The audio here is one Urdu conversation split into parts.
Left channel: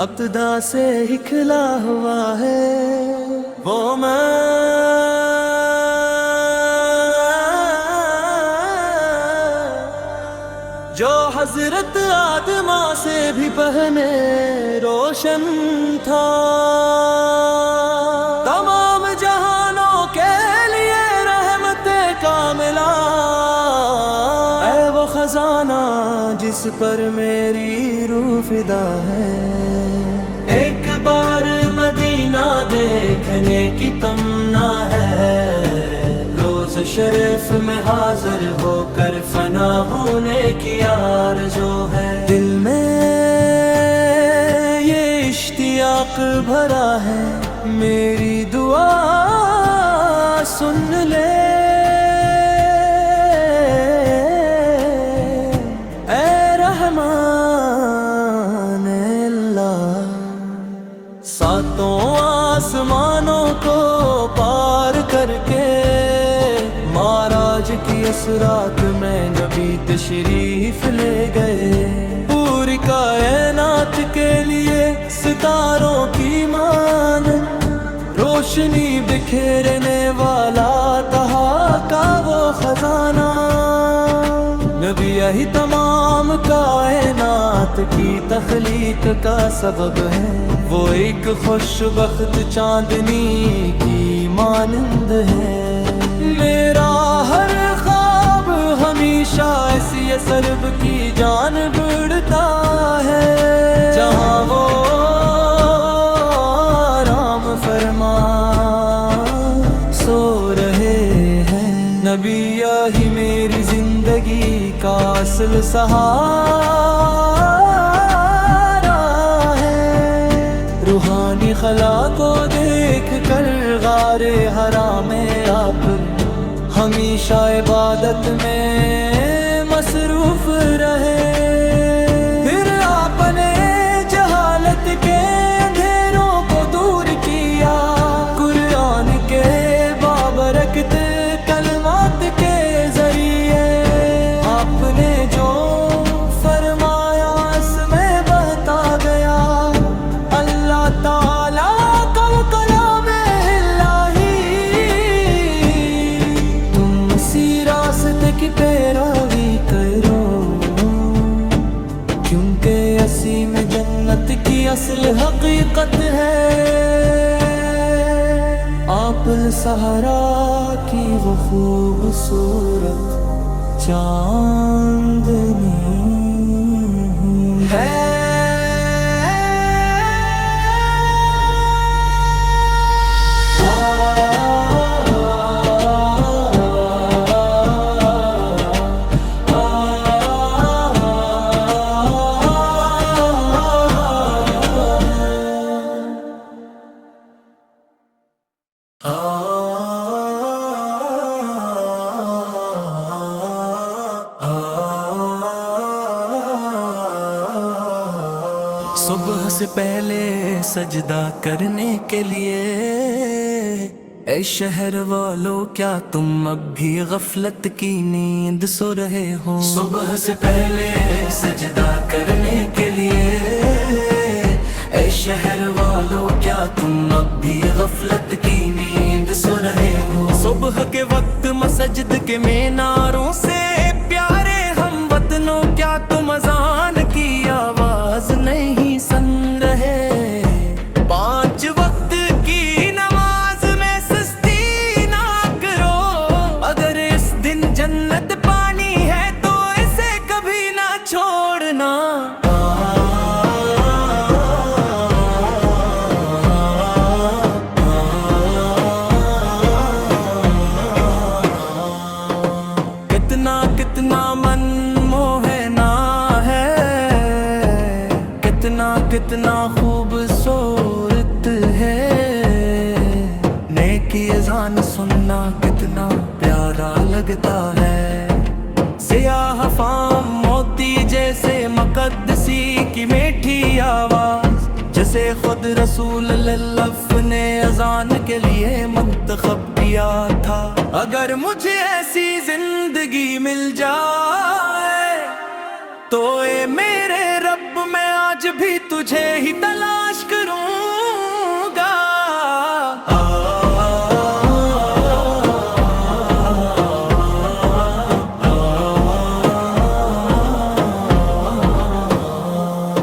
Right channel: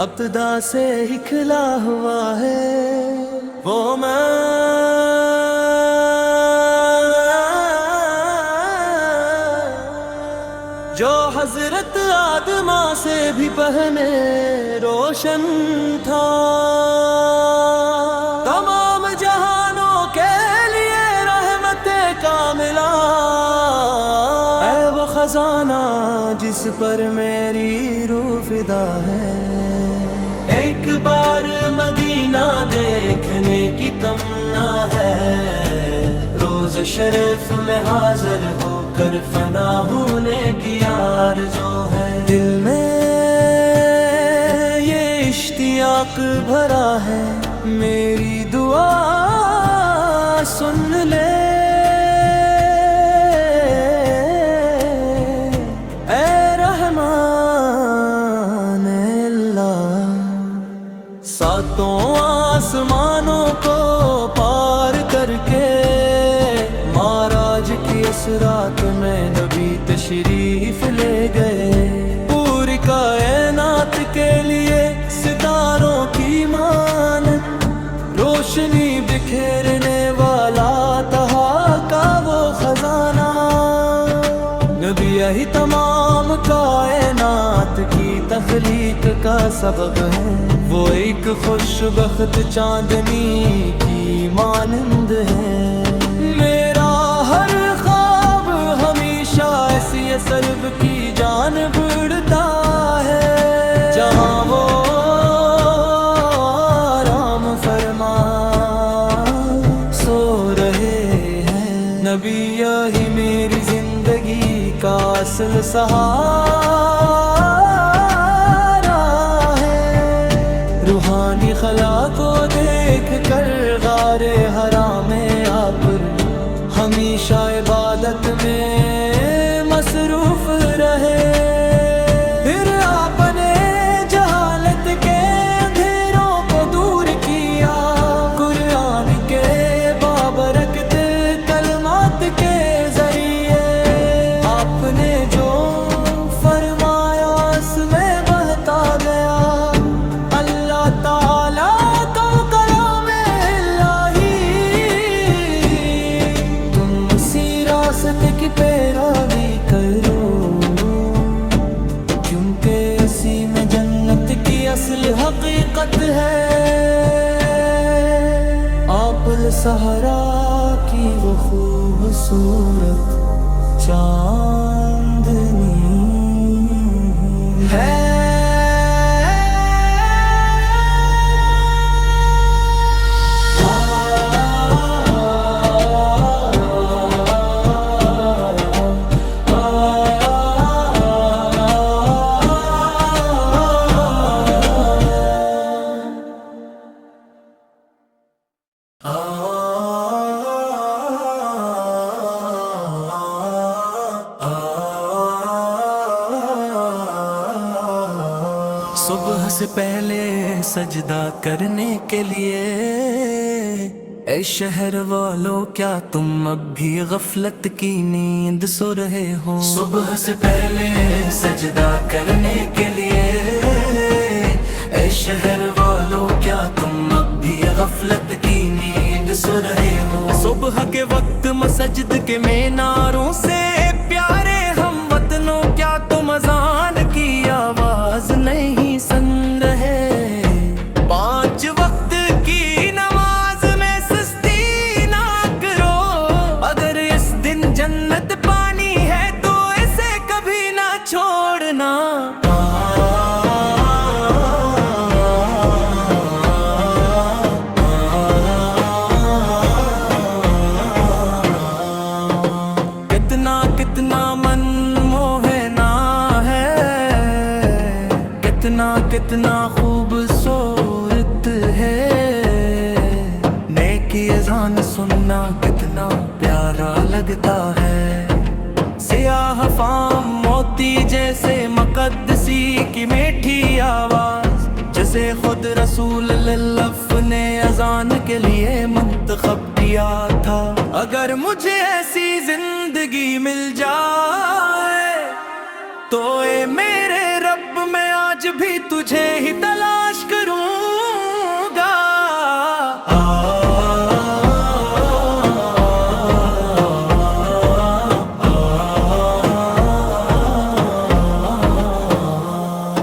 ابتدا سے ہی کھلا ہوا ہے وہ میں جو حضرت آدمہ سے بھی پہلے روشن تھا، تمام جہانوں کے لیے رحمت کاملہ، اے وہ خزانہ جس پر میری روح فدا ہے۔ ایک بار مدینہ دیکھنے کی تمنا ہے، روز شریف میں حاضر ہو کر فنا ہونے کی آرزو ہے۔ دل میں یہ اشتیاق بھرا ہے، میری دعا سن لے اے رحمان اللہ۔ ساتوں آسمانوں کو پار کر کے معراج کی اسرات میں نبی تشریف لے گئے، پوری کائنات کے لیے ستاروں کی مانند روشنی بکھیرنے والا تہا کا وہ خزانہ۔ نبی یہی تمام کائنات کی تخلیق کا سبب ہے، وہ ایک خوشبخت چاندنی کی مانند ہے۔ میرا ہر خواب ہمیشہ ایسی سرب کی جانب اڑتا ہے، جہاں وہ آرام فرما سو رہے ہیں۔ نبی یہی میری زندگی کا اصل سہارا ہے۔ روحانی خلا کو دیکھ کر غار حرا میں آپ ہمیشہ عبادت میں مصروف رہے، پھر آپ نے جہالت کے اندھیروں کو دور کیا، قرآن کے بابرکت کلمات کے ذریعے آپ نے جو فرمایا اس میں بہتا گیا۔ اللہ تعالیٰ کا کلام الہی، تم اسی راستے کی پیروی کرو، کیونکہ اسی میں جنت کی اصل حقیقت ہے۔ آپ الصحرا کی وہ خوبصورت چاندنی ہے۔ صبح سے پہلے سجدہ کرنے کے لیے اے شہر والو کیا تم اب بھی غفلت کی نیند سو رہے ہو؟ صبح سے پہلے سجدہ کرنے کے لیے اے شہر والو کیا تم اب بھی غفلت کی نیند سو رہے ہو؟ صبح کے وقت مسجد کے میناروں سے پیارے ہم وطنوں کیا تم اذان کی آواز نہیں سن رہے؟ 5 وقت کی نماز میں سستی نہ کرو، اگر اس دن جنت پانی ہے تو اسے کبھی نہ چھوڑنا۔ کتنا من موہنا ہے، کتنا خوبصورت ہے، نیکی اذان سننا کتنا پیارا لگتا ہے۔ سیاہ فام موتی جیسے مقدسی کی میٹھی آواز، جسے خود رسول اللہ نے اذان کے لیے منتخب کیا تھا۔ اگر مجھے ایسی زندگی مل جائے تو اے میرے رب میں آج بھی تجھے ہی تلاش کروں گا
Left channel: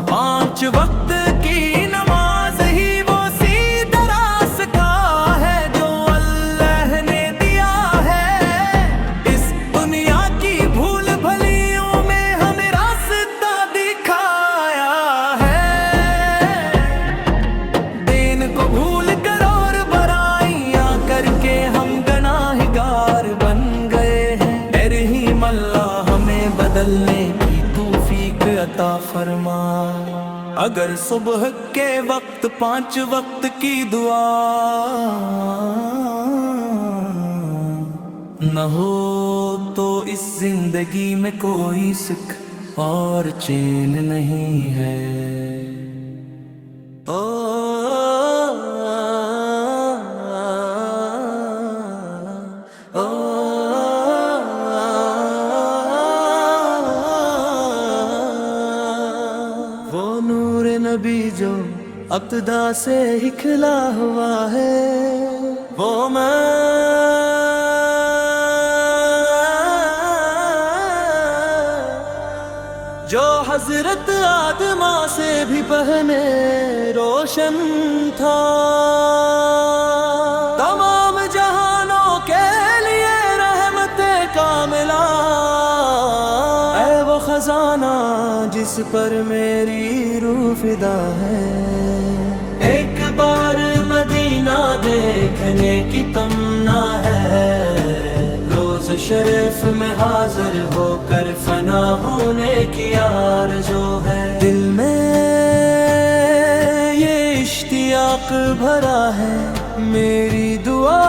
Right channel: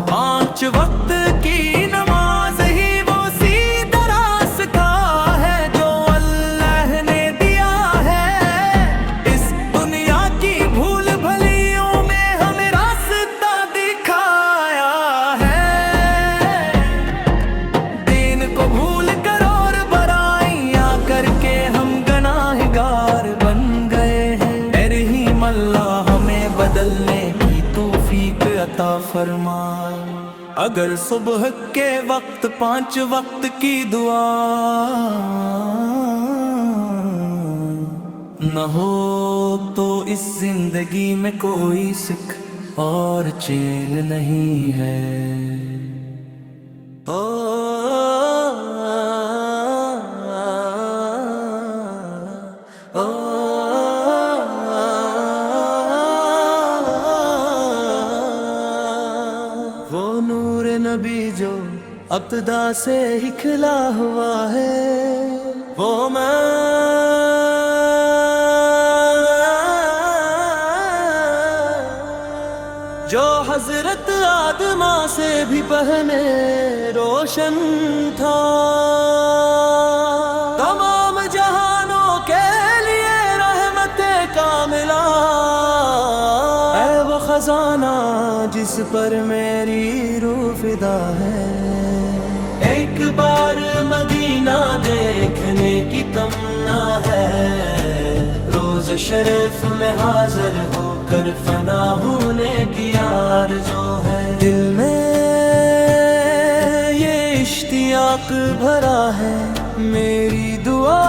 پانچ وقت کی نماز ہی وہ سیدھا راستہ ہے جو اللہ نے دیا ہے اس دنیا کی بھول بھلیوں میں ہمیں راستہ دکھایا ہے دین کو بھول کر اور برائیاں کر کے ہم گناہگار بن گئے ہیں اے رحیم اللہ ہمیں بدلنے کی توفیق عطا فرما اگر صبح کے وقت 5 وقت کی دعا نہ ہو تو اس زندگی میں کوئی سکھ اور چین نہیں ہے وہ نور نبی جو ابتدا سے ہی کھلا ہوا ہے وہ جو حضرت آدم سے بھی پہلے روشن تھا تمام جہانوں کے لیے رحمت کاملہ اے وہ خزانہ جس پر میری روح فدا ہے ایک بار مدینہ دیکھنے کی تمنا ہے روز شریف میں حاضر ہو کر فنا ہونے کی آرزو ہے دل میں یہ اشتیاق بھرا ہے میری دعا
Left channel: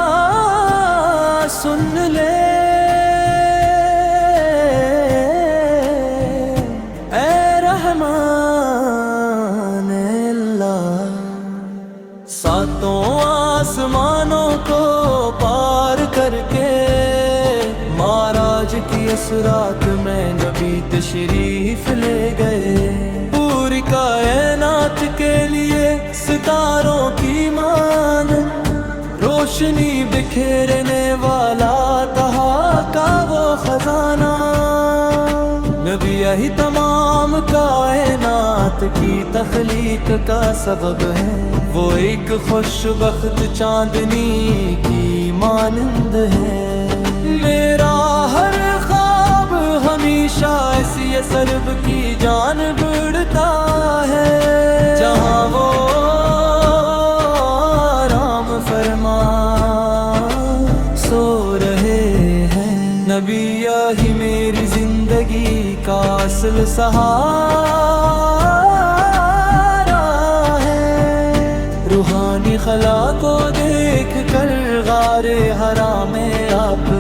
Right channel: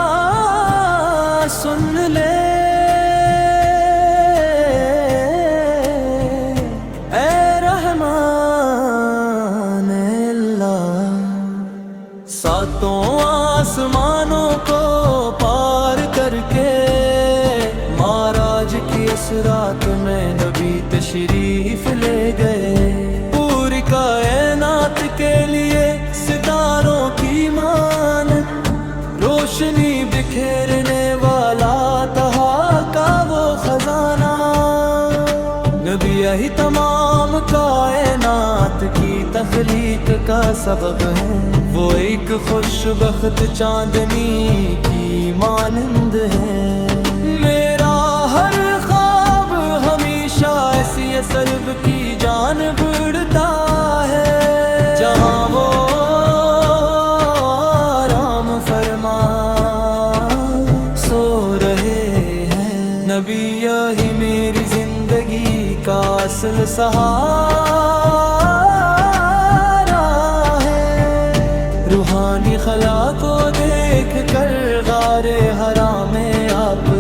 سن لے اے رحمان اللہ ساتوں آسمانوں کو پار کر کے معراج کی اسرات میں نبی تشریف لے گئے پوری کائنات کے لیے ستاروں کی مانند روشنی بکھیرنے والا تہا کا وہ خزانہ نبی یہی تمام کائنات کی تخلیق کا سبب ہے وہ ایک خوش بخت چاندنی کی مانند ہے میرا ہر خواب ہمیشہ ایسی سرب کی جانب اڑتا ہے جہاں وہ آرام فرما سو رہے ہیں نبی یہی میری زندگی کا اصل سہارا ہے روحانی خلا کو دیکھ کر غار حرا میں آپ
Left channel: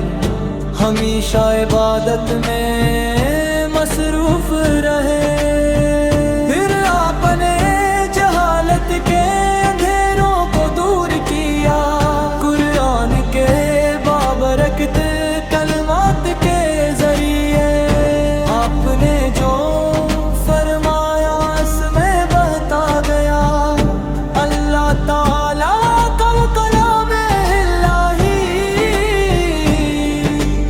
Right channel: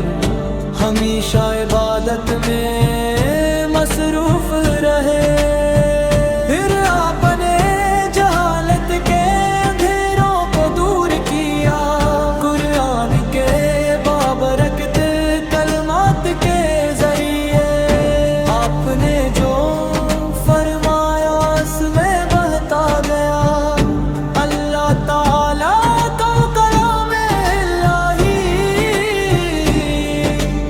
ہمیشہ عبادت میں مصروف رہے پھر آپ نے جہالت کے اندھیروں کو دور کیا قرآن کے بابرکت کلمات کے ذریعے آپ نے جو فرمایا اس میں بہتا گیا اللہ تعالیٰ کا کلام الہی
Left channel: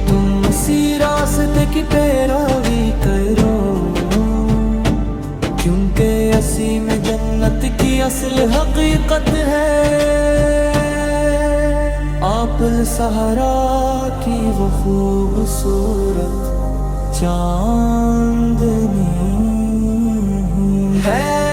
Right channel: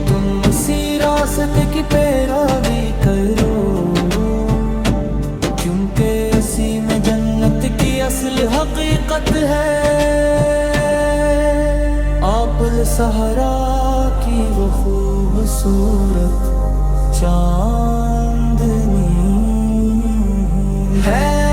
تم اسی راستے کی پیروی کرو کیونکہ اسی میں جنت کی اصل حقیقت ہے آپ الصحرا کی وہ خوبصورت چاندنی ہے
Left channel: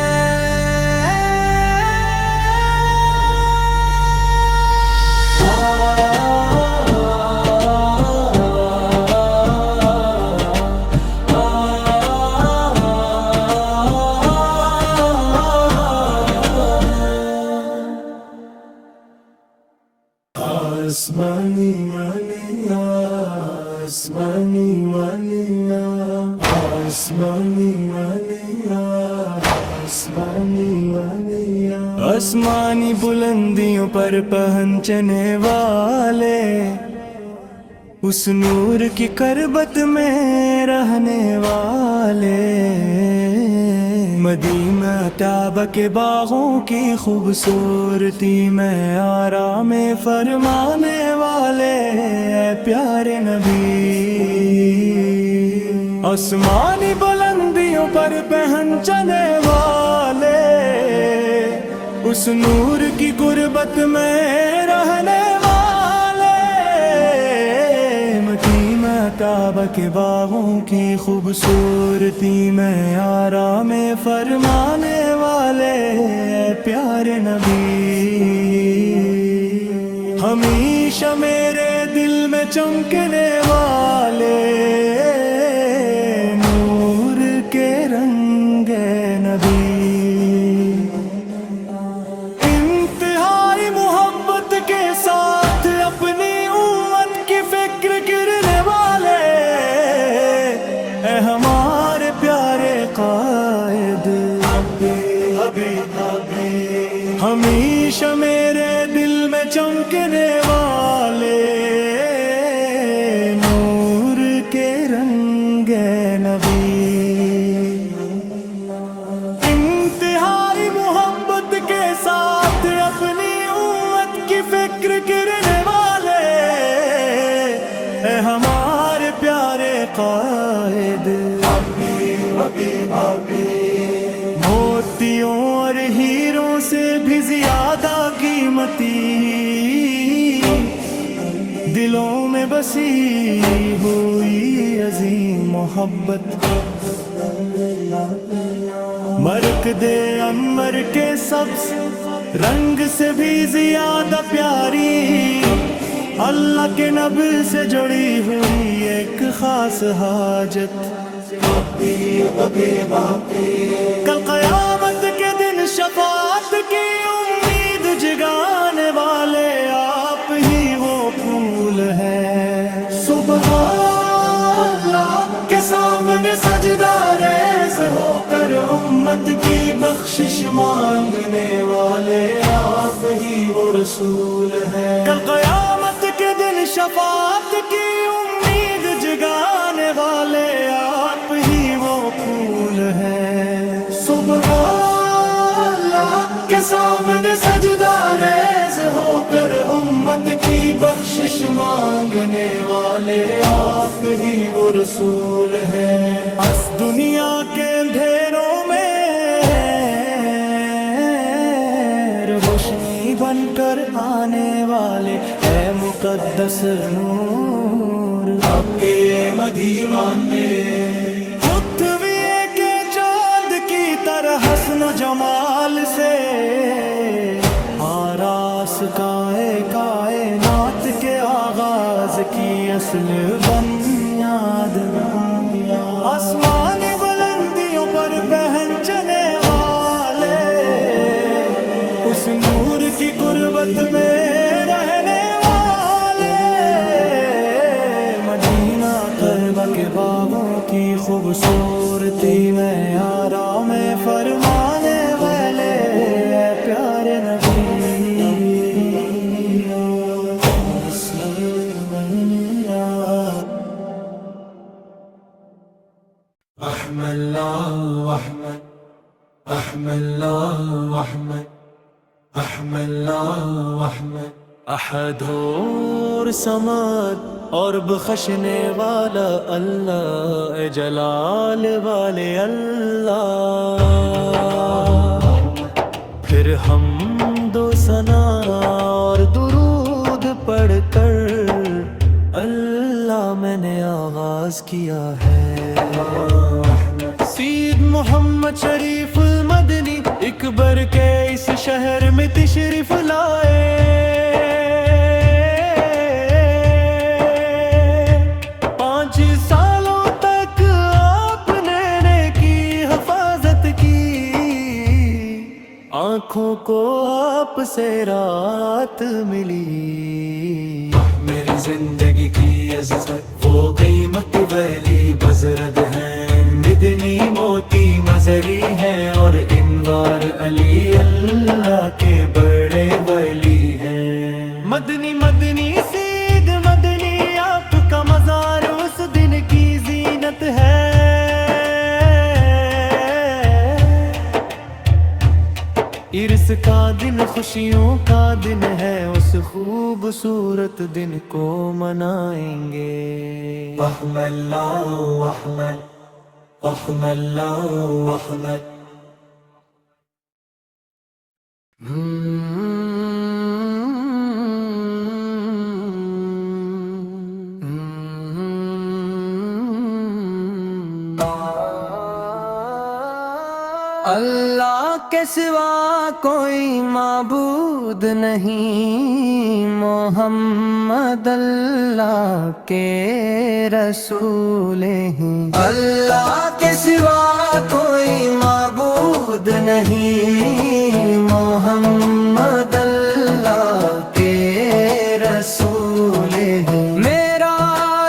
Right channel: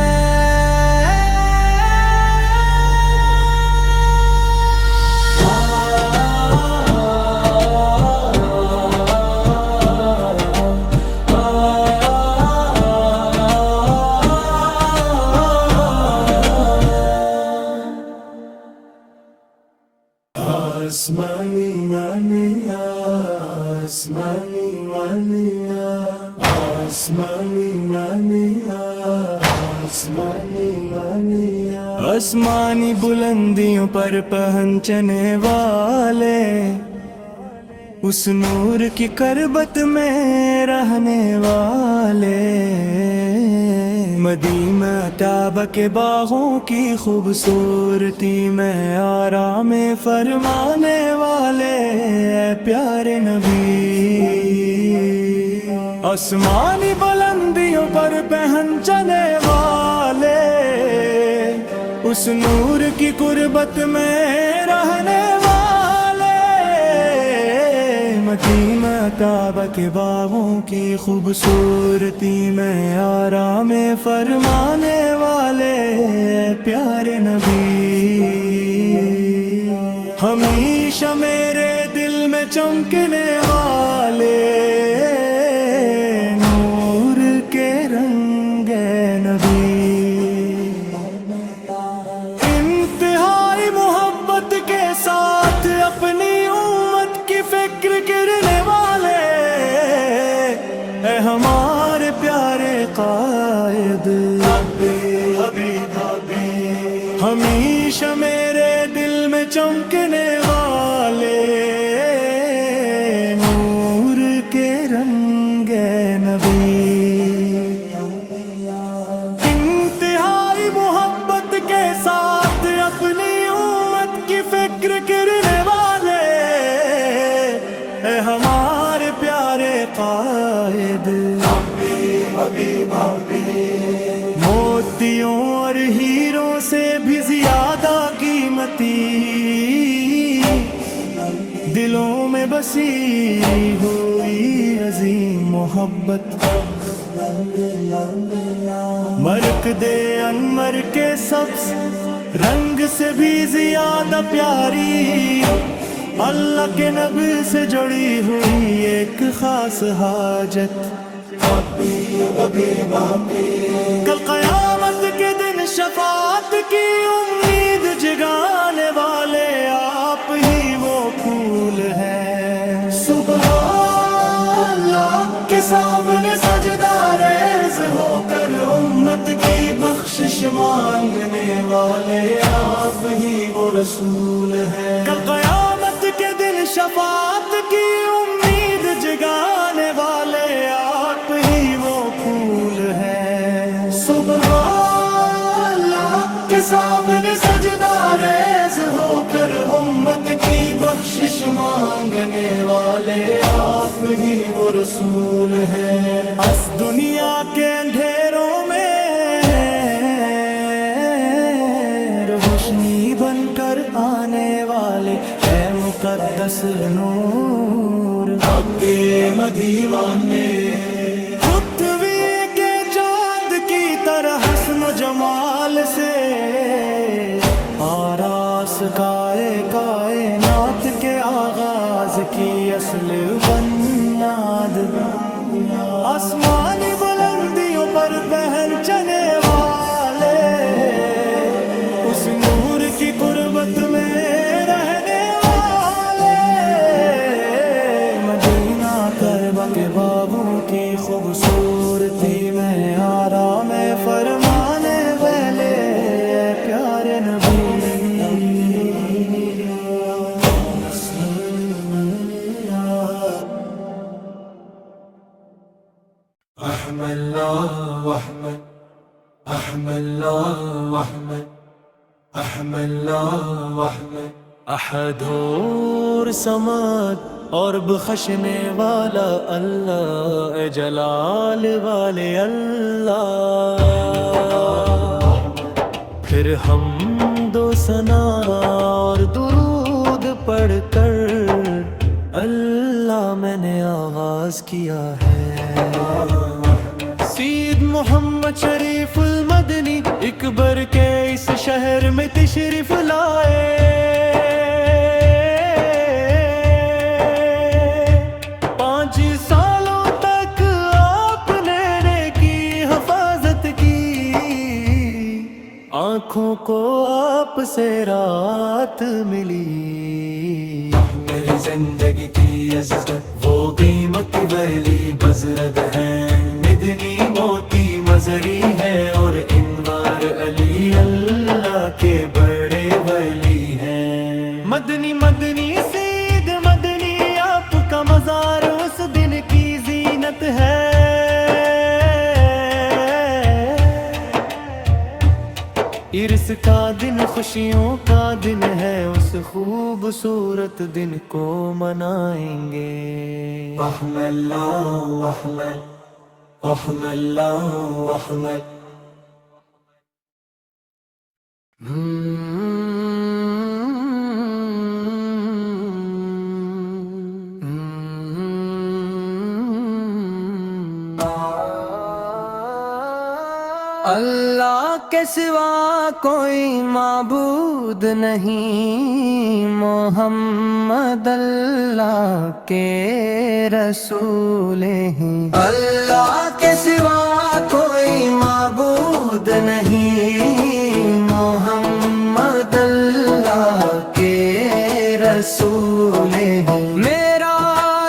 آسمانی مانیا آسمانی مانیا آسمانی مانیا آسمانی مانیا آسمانی بلندیوں پر پہنچنے والے اس نور کی کربت میں رہنے والے، مدینہ طیبہ کے باغوں کی خوبصورتی میں آرام فرمانے والے، اے پیارے نبی آسمانی بلندیوں پر پہنچنے والے، اس نور کی قربت میں رہنے والے، مدینہ طیبہ کے باغوں کی خوبصورتی میں آرام فرمانے والے، پیارے نبی ہمیشہ میرے دل میں چمکنے والے، نور کے رنگ نبی، انتہائی محبت کے ساتھ اپنی امت کی فکر کرنے والے، اے ہمارے پیارے قائد، ہمیشہ میرے دل میں چمکنے والے، نور کے رنگ نبی، انتہائی محبت کے ساتھ اپنی امت کی فکر کرنے والے، اے ہمارے پیارے قائد، موتیوں اور ہیروں سے بھی زیادہ قیمتی، دلوں میں بسی ہوئی عظیم محبت، مرکز انور کے سبز رنگ سے بھی زیادہ پیاری، اللہ کے نبی سے جڑی ہوئی ایک خاص حاجت، کل قیامت کے دن شفاعت کی امید جگانے والے، آپ ہی وہ پھول ہیں، سبحان اللہ کے سامنے سجدہ ریز ہو کر امت کی بخشش مانگنے والے، آپ ہی وہ رسول ہیں، کل قیامت کے دن شفاعت کی امید جگانے والے، آپ ہی وہ پھول ہیں، سبحان اللہ کے سامنے سجدہ ریز ہو کر امت کی بخشش مانگنے والے، آپ ہی وہ رسول ہیں، اس دنیا کے اندھیروں میں روشنی بن کر آنے والے، اے مقدس نور کے مدیوان میں، خطویے کے چاند کی طرح حسن و جمال سے آراس کائنات کے آغاز کی اصل بنیاد، آسمانی بلندیوں پر پہنچنے والے، اس نور کی قربت میں رہنے والے، مدینہ طیبہ کے باغوں کی خوبصورتی میں آرام فرمانے والے، اے پیارے نبی احمد اللہ احمد، احمد اللہ احمد، احمد اللہ احمد، احد اور سماد اور بخشنے والا اللہ، اے جلال والے اللہ، پھر حمد و ثنا اور درود پڑھ کر اللہ میں نے آغاز کیا ہے، سید محمد شریف المدنی اکبر کے اس شہر میں تشریف لائے، 5 سالوں تک آپ نے کی حفاظت کی، آنکھوں کو آپ سے رات ملی، میری زندگی کی عزت وہ قیمت ویلی بزرگ ہیں، مدنی موتی مزری ہے اور انوار علی اللہ کے بڑے ولی ہیں، مدنی مدنی سید مدنی آپ کا کی زینت ہے، عرس کا دن خوشیوں کا دن ہے، اس خوبصورت دن کو منائیں گے۔ احمد اللہ احمد، احمد اللہ احمد۔ اللہ کے سوا کوئی معبود نہیں، محمد اللہ کے رسول ہیں۔ اللہ کے سوا کوئی معبود نہیں، محمد اللہ کے رسول ہیں۔ میرا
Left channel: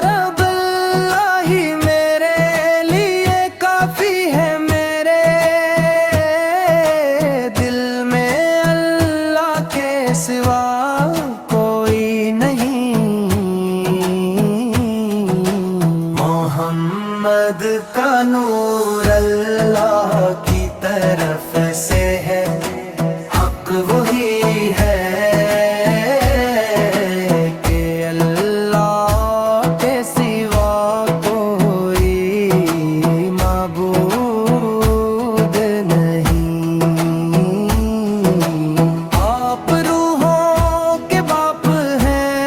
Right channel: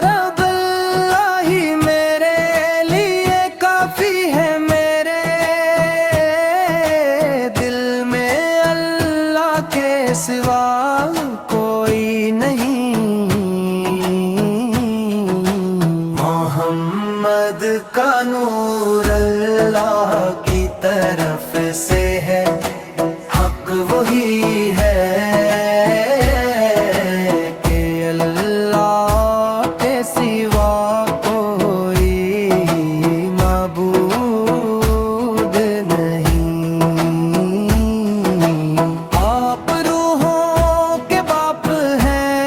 رب اللہ ہی میرے لیے کافی ہے، میرے دل میں اللہ کے سوا کوئی نہیں۔ محمد کا نور اللہ کی طرف سے ہے، حق وہی ہے کہ اللہ کے سوا کوئی معبود نہیں۔ آپ روحوں کے باپ ہیں،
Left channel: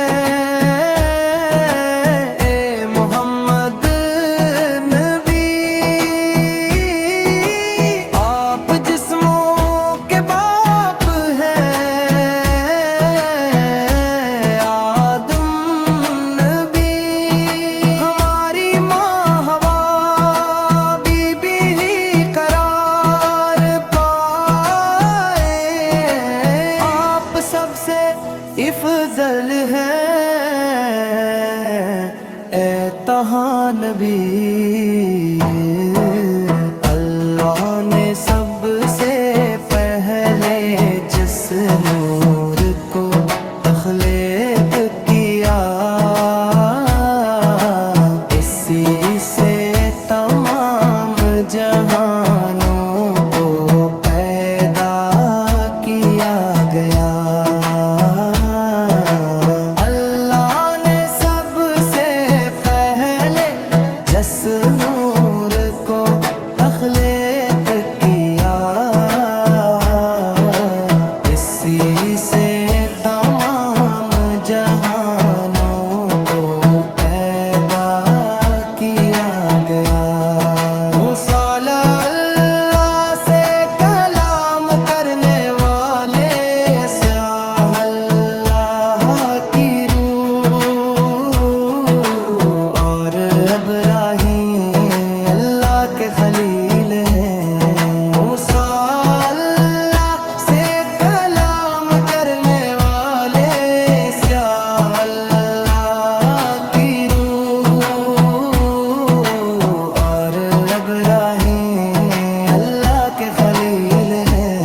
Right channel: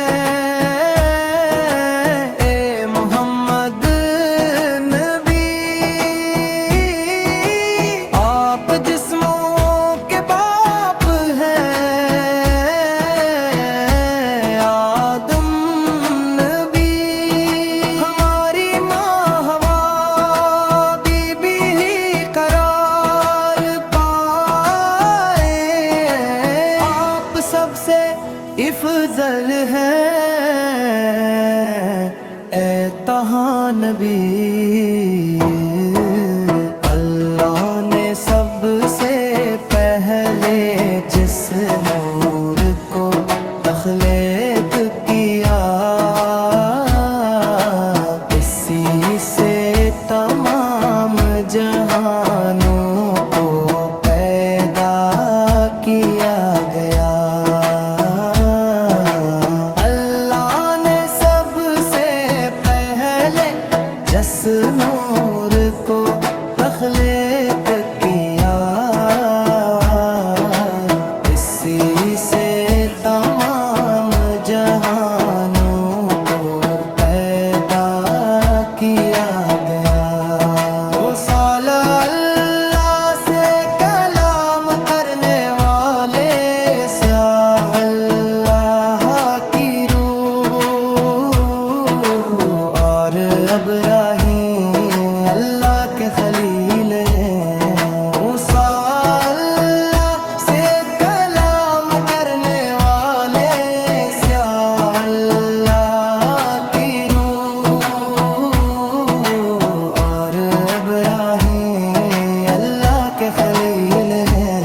اے محمد نبی، آپ جسموں کے باپ ہیں، آدم نبی، ہماری ماں حوا بی بی ہی قرار پائے، آپ سب سے افضل ہیں، اے طہٰ نبی۔ اللہ نے سب سے پہلے جس نور کو تخلیق کیا، اسی سے تمام جہانوں کو پیدا کیا گیا۔ اللہ نے سب سے پہلے جس نور کو تخلیق کیا، اسی سے تمام جہانوں کو پیدا کیا گیا۔ وہ سالہ اللہ سے کلام کرنے والے، سیاہ اللہ کی روح، اور ابراہیم اللہ کے خلیل ہیں۔ موسیٰ اللہ سے کلام کرنے والے، سیاہ اللہ کی روح، اور ابراہیم اللہ کے خلیل ہیں۔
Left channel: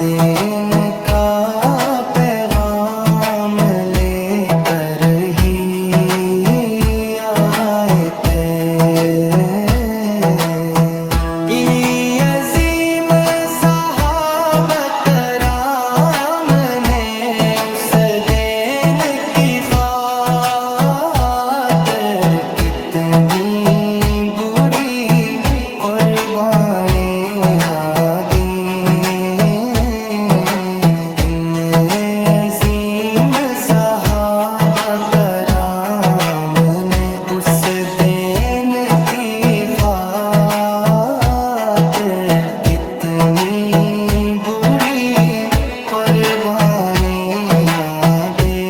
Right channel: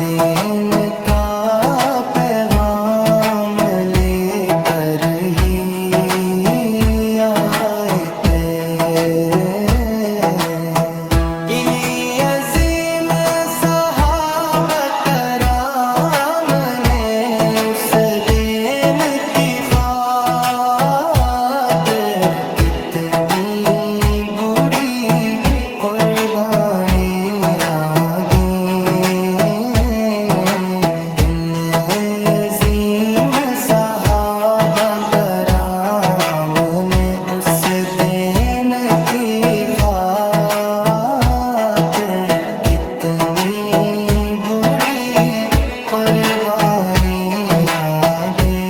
دین کا پیغام لے کر ہی آئے تھے۔ انہی عظیم صحابہ کرام نے اس دین کی خاطر کتنی بڑی قربانیاں دی۔ صحابہ کرام نے اس دین کی خاطر کتنی بڑی قربانیاں دیں۔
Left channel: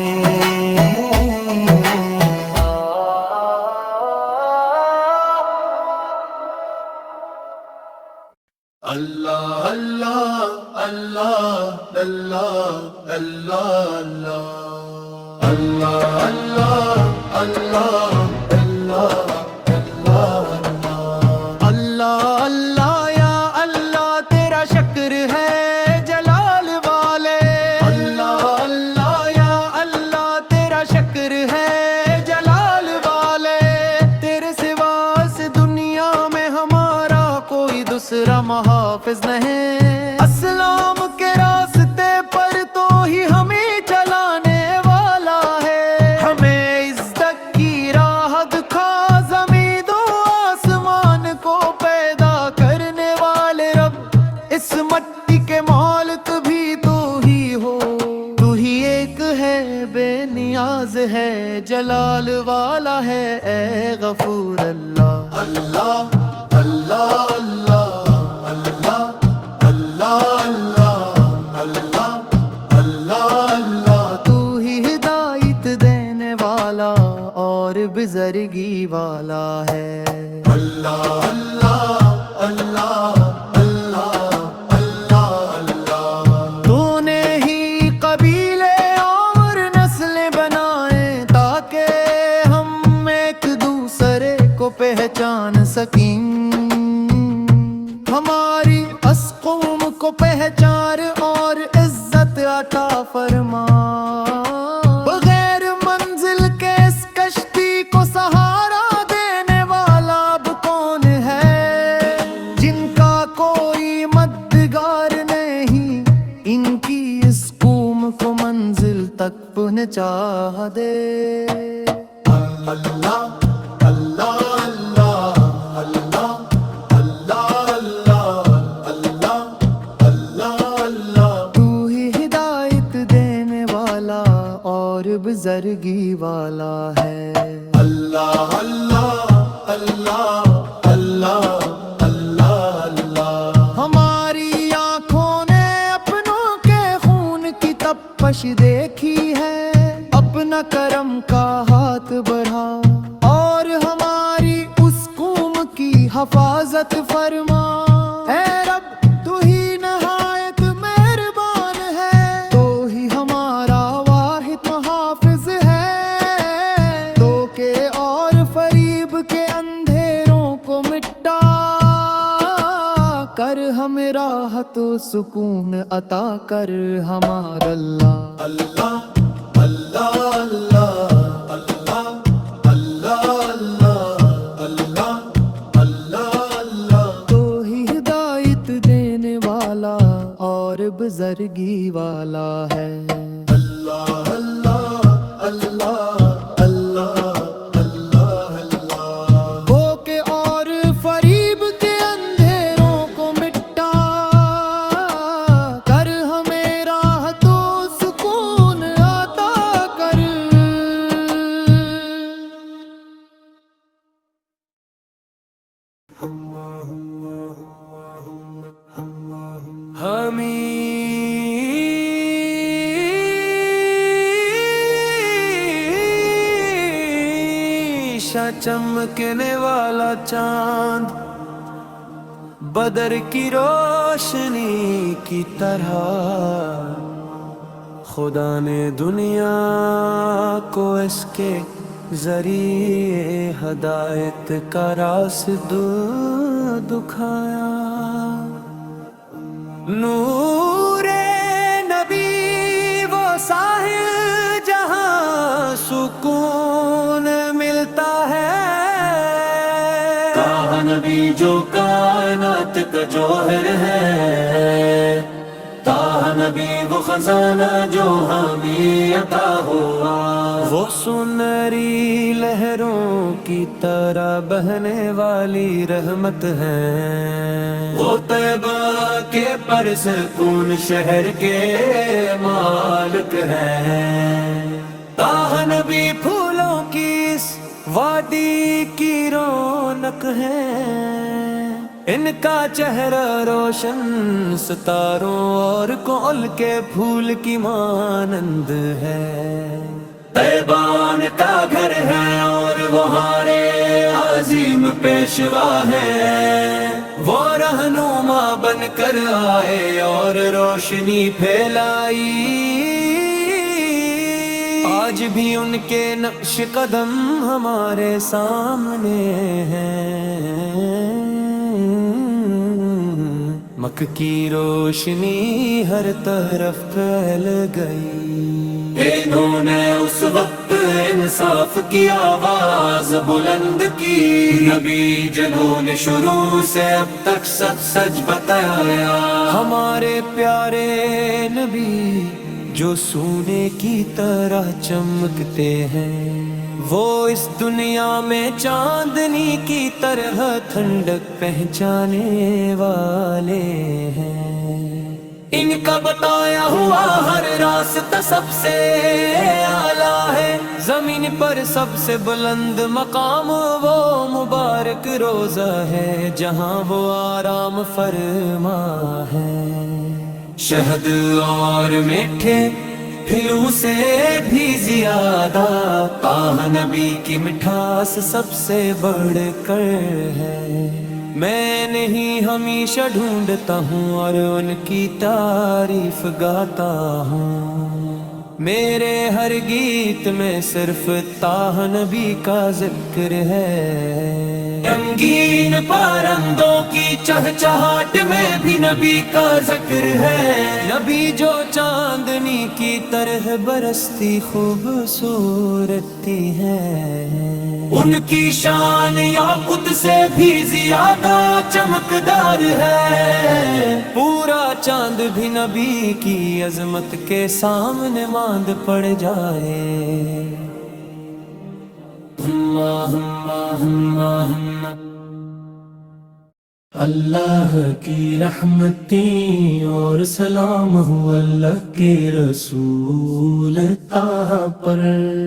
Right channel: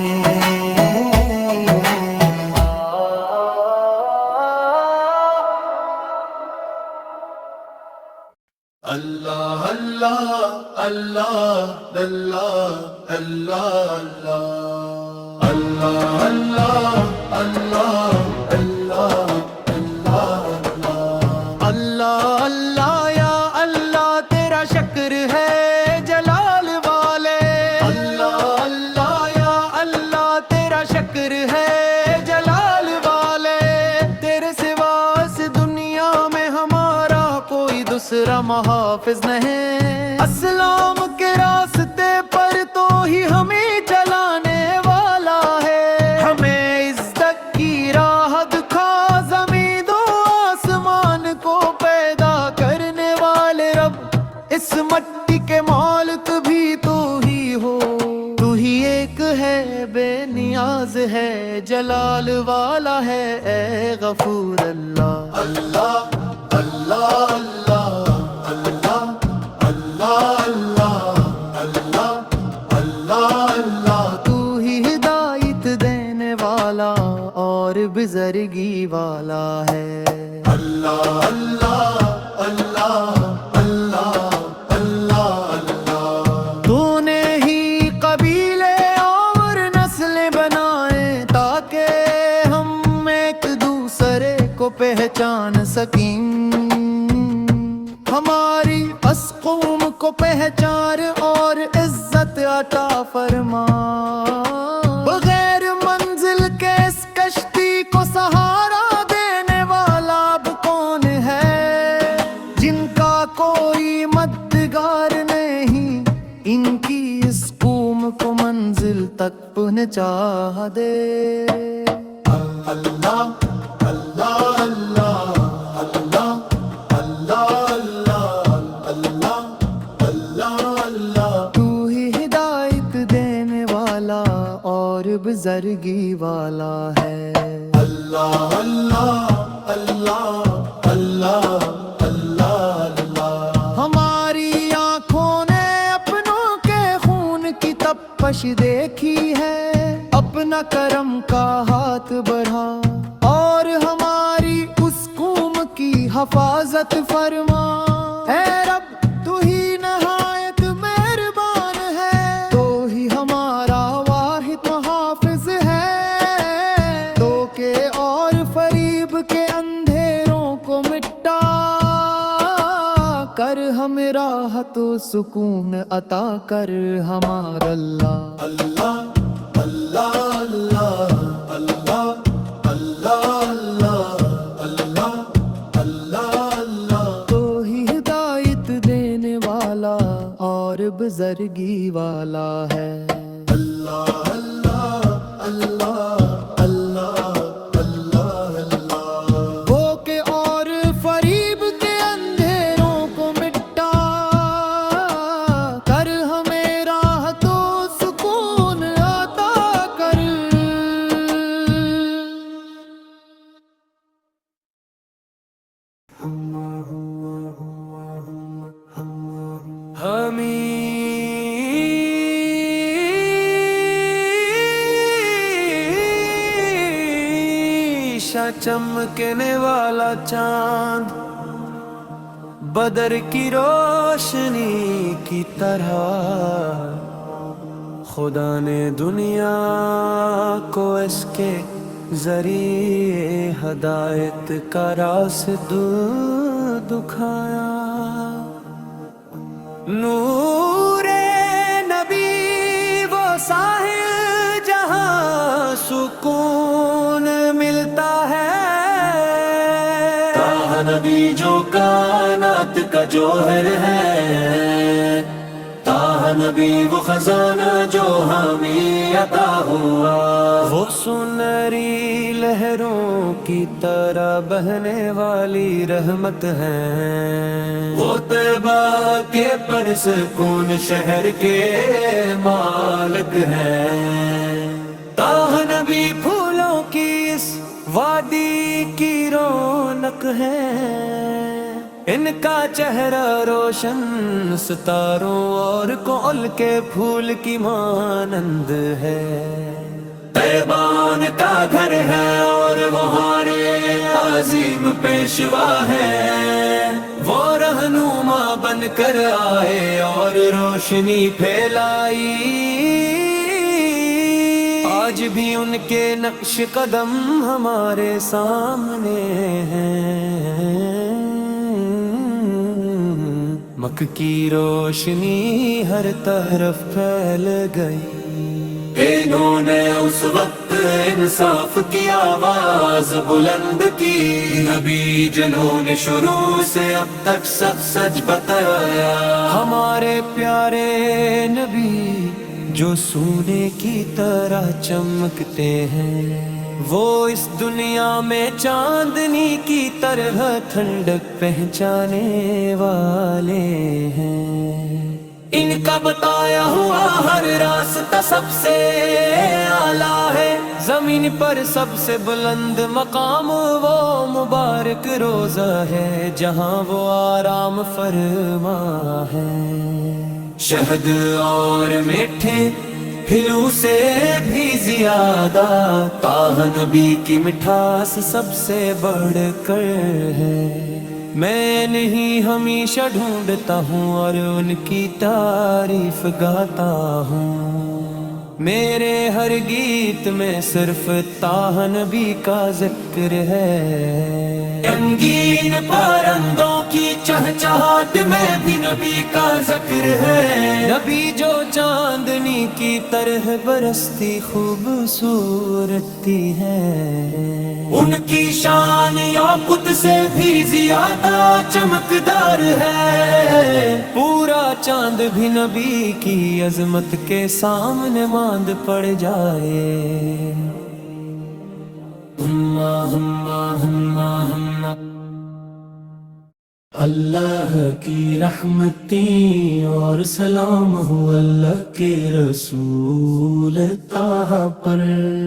اللہ اللہ اللہ اللہ اللہ اللہ اللہ اللہ اللہ اللہ یا اللہ تیرا شکر ہے جلال والے اللہ اللہ یا اللہ تیرا شکر ہے جلال والے تیرے سوا اس دنیا میں ہمارا کوئی دوسرا محافظ نہیں اسلام کے راستے پر تو ہی ہمیں چلانے والا ہے ہمیں عزت کی راہ دکھا زمین و آسمان کو پیدا کرنے والے رب اس مٹی کے مالک بھی تو ہی ہو تو ہی ایک ہے بے نیاز ہے جلال والا ہے اے غفور اللہ اللہ اللہ اللہ اللہ اللہ اللہ اللہ اللہ تو ہی ہدایت دینے والا اور بزرگی والا ہے اللہ اللہ اللہ اللہ اللہ اللہ تو نے ہی قبیلے اور نسلیں بنائے تاکہ ہم ایک دوسرے کو پہچان سکیں ہماری اس قوم کو پہچان اور عزت عطا فرما بغیر منزل کے اس کشتی کو سہارا دینے والا اب کون ہے جن کا کوئی مددگار نہیں ان کی اس قوم کو منزل تک پہنچا دے اللہ اللہ اور بزرگی والا ہے اللہ اللہ اللہ اللہ اللہ اللہ ہماری آنکھوں نے اپنوں کے خون کی تپش دیکھی ہے اپنا کرم کا ہاتھ بڑھا اور ہماری اس قوم کی حفاظت فرما اے رب تو ہی نہایت مہربان ہے تو ہی ہمارا محافظ ہے دھوکے اور فریب کے اندھیروں کو مٹا کر ہمیں راحت و سکون عطا کر ہمارا اللہ اللہ اللہ اللہ اللہ اللہ اللہ اللہ اللہ تو ہی ہدایت دینے والا اور بزرگی والا ہے اللہ اللہ اللہ اللہ اللہ دھوکے اور فریب کے اندھیروں کو مٹا کر ہمیں راحت و سکون عطا کر چمکنے والا چاند بدر کی روشنی کی طرح خدا نے دنیا کو اس کے ذریعے ہدایت کا راستہ دکھایا نور نبی وہ ساحل جہاں سکون ملتا ہے تاہ نبی جو کائنات کا جوہر ہے تاہ نبی وہ خزانہ جو ہمیں عطا ہوا وہ سنہری لہروں کی طرح بہنے والی رحمت ہے وہ طیبہ کے پرسکون شہر کے مالک ہے تاہ نبی پھولوں کی اس وادی کی رونق ہے ان کا چہرہ روشن ستاروں اور کول کے پھول کی مانند ہے طیبان کا گھر ہے اور وہ ہارے عظیم پیشوا ہے وہ رہنما بن کر آئے اور روشنی پھیلائی، آج بھی ان کے نقش قدم ہمارے سامنے ہیں۔ مکہ کی روشنی ہر طرف پھیل گئی، انہوں نے اس وقت انصاف کی آواز بلند کی، نبی جنہوں نے شروع سے اب تک سب سچ بتایا، ہمارے پیارے نبی جو سونے کی طرح چمکتے ہیں، وہ اس دنیا میں چاندنی کی طرح ٹھنڈک پہنچانے والے ہیں۔ ان کا بتایا ہوا ہر راستہ سب سے اعلیٰ ہے، زمین پر سب سے بلند مقام وہ مبارک روزہ ہے جہاں وہ آرام فرما ہے۔ شہد اور میٹھے پھلوں سے بھی زیادہ طه نبی کی مٹھاس سب سے بڑھ کر ہے۔ میں نہیں ہمیشہ ڈھونڈتا ہوں اور ان کی تعریف گاتا ہوں، میرے ہر گیت میں صرف طه نبی کا ذکر ہے، رنگین پرندوں کی چہچہاٹ میں بھی نبی کا ذکر ہے، نبی جو چاندنی کی طرح برستی خوبصورتی ہے، ان کی شان یاقوت سے بھی زیادہ چمکدار ہے، پورا چاند بھی نبی کی عظمت کے سامنے ماند پڑ جائے۔ اللہ کی رحمتیں اور سلام ہو اللہ کے رسول طه پر،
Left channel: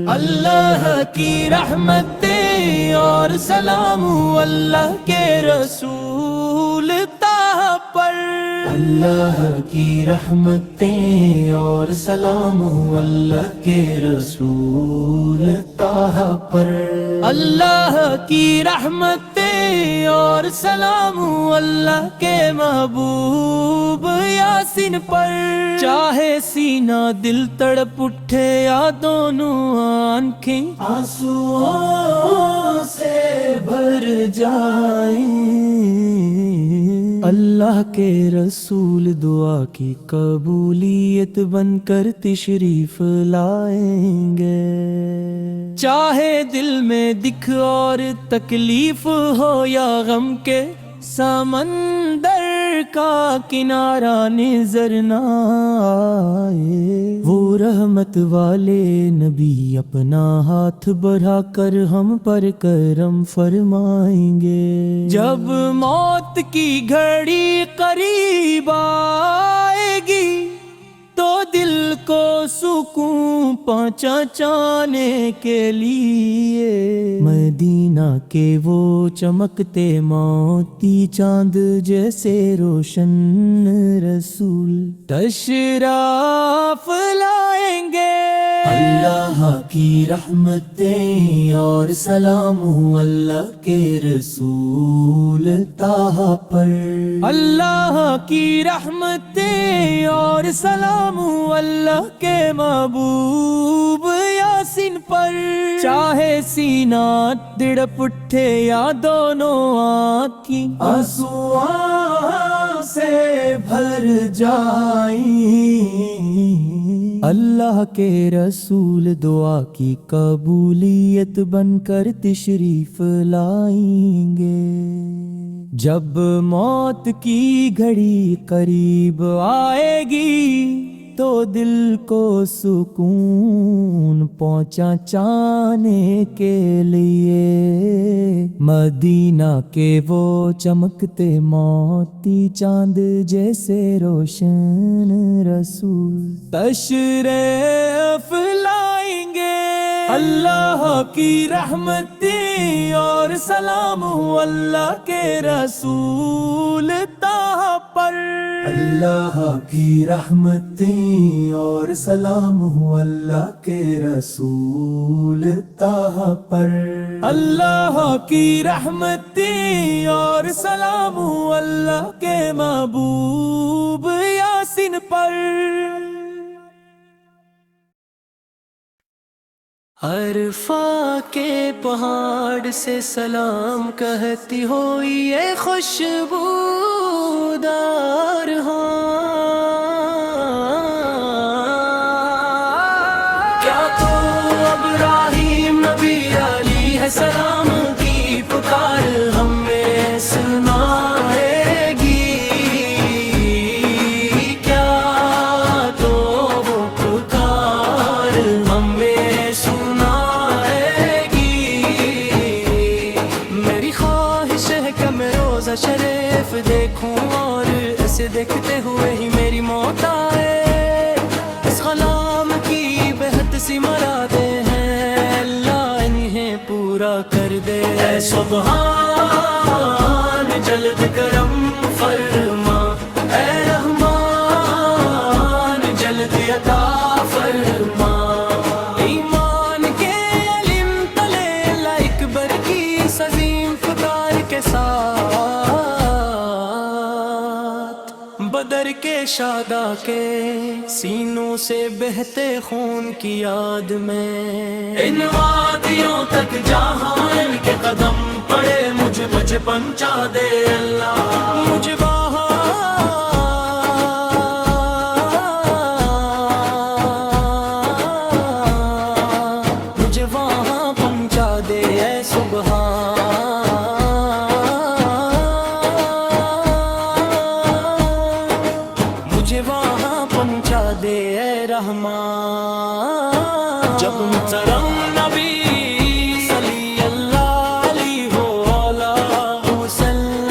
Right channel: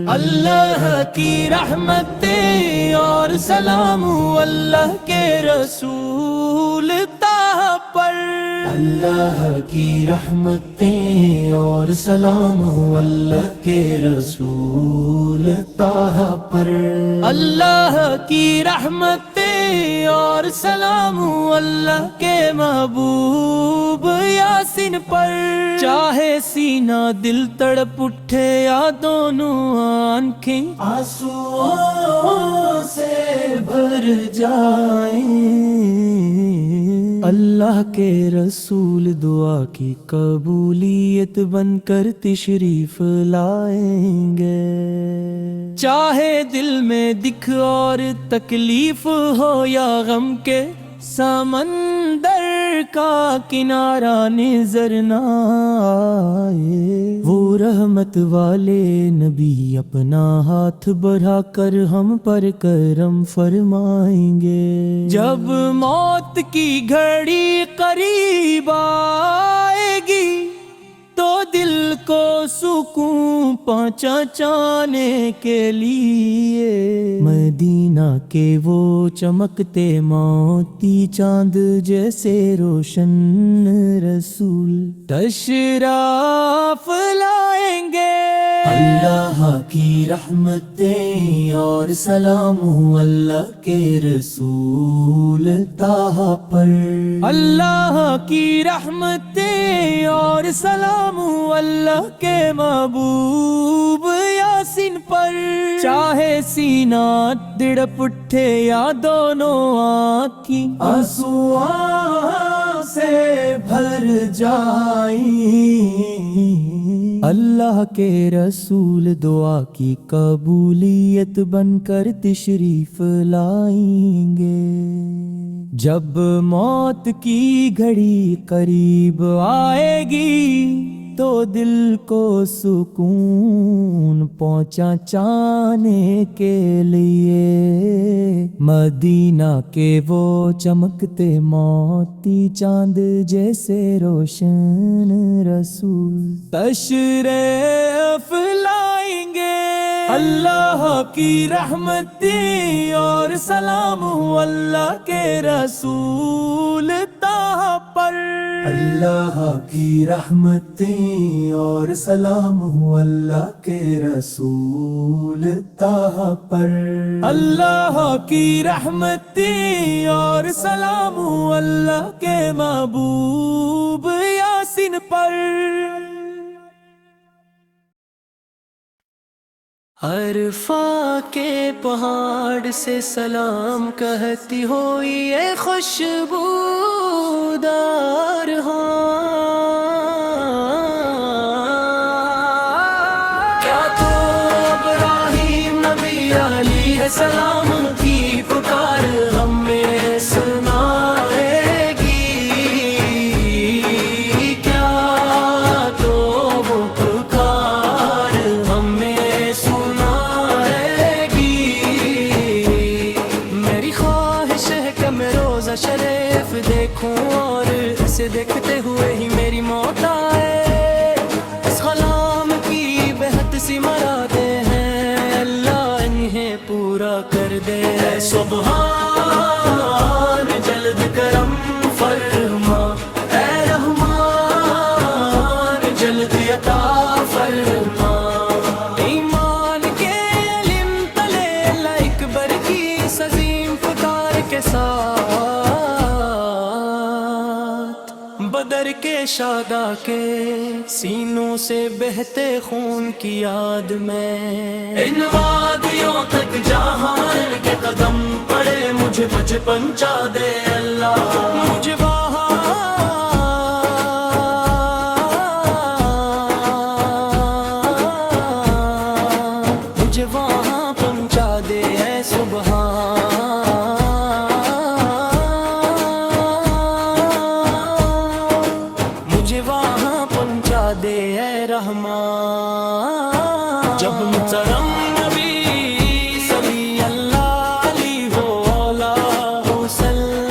اللہ کی رحمتیں اور سلام ہو اللہ کے رسول طه پر، اللہ کی رحمتیں اور سلام ہو اللہ کے رسول طه پر، اللہ کی رحمتیں اور سلام ہو اللہ کے محبوب یاسین پر، چاہے سینہ دل تڑپ اٹھے یا دونوں آنکھیں آنسوؤں سے بھر جائیں، اللہ کے رسول دعا کی قبولیت بن کر تشریف لائیں گے، چاہے دل میں دکھ اور تکلیف ہو یا غم کے سمندر کا کنارہ نظر نہ آئے، وہ رحمت والے نبی اپنا ہاتھ بڑھا کر ہم پر کرم فرمائیں گے، جب موت کی گھڑی قریب آئے گی تو دل کو سکون پہنچانے کے لیے مدینہ کے وہ چمکتے موتی چاند جیسے روشن رسول تشریف لائیں گے، اللہ کی رحمتیں اور سلام ہو اللہ کے رسول طه پر، اللہ کی رحمتیں اور سلام ہو اللہ کے محبوب یاسین پر، چاہے سینہ تڑپ اٹھے یا دونوں آنکھیں آنسوؤں سے بھر جائیں، اللہ کے رسول دعا کی قبولیت بن کر تشریف لائیں گے، جب موت کی گھڑی قریب آئے گی تو دل کو سکون پہنچانے کے لیے مدینہ کے وہ چمکتے موتی چاند جیسے روشن رسول تشریف لائیں گے، اللہ کی رحمتیں اور سلام ہو اللہ کے رسول طه پر، اللہ کی رحمتیں اور سلام ہو اللہ کے رسول طہ پر، اللہ کی رحمتیں اور سلام ہو اللہ کے محبوب یاسین پر۔ عرفہ کے پہاڑ سے سلام کہتی ہوئی یہ خوشبودار کیا تو ابراہیم نبی علیہ السلام کی پکار ہمیں سنائے گی، کیا تو وہ پکار ہمیں میں روزہ شریف دیکھوں اور اسے دیکھتے ہوئے ہی میری موت آئے، اس غلام کی بہت سی مرادیں ہیں اللہ انہیں پورا کر دے، اے سبحان جلد کرم فرما، اے رحمان جلد عطا فرما، ایمان کے علم تلے اللہ اکبر کی عظیم پکار کے ساتھ بدر کے شہدا کے سینوں سے بہتے خون کی یاد میں ان وادیوں تک جہاں ان کے قدم پڑے مجھے پہنچا دے اللہ، مجھے وہاں پہنچا دے اے سبحان، مجھے وہاں پہنچا دے اے رحمان، جب محترم نبی صلی اللہ علیہ وآلہ وسلم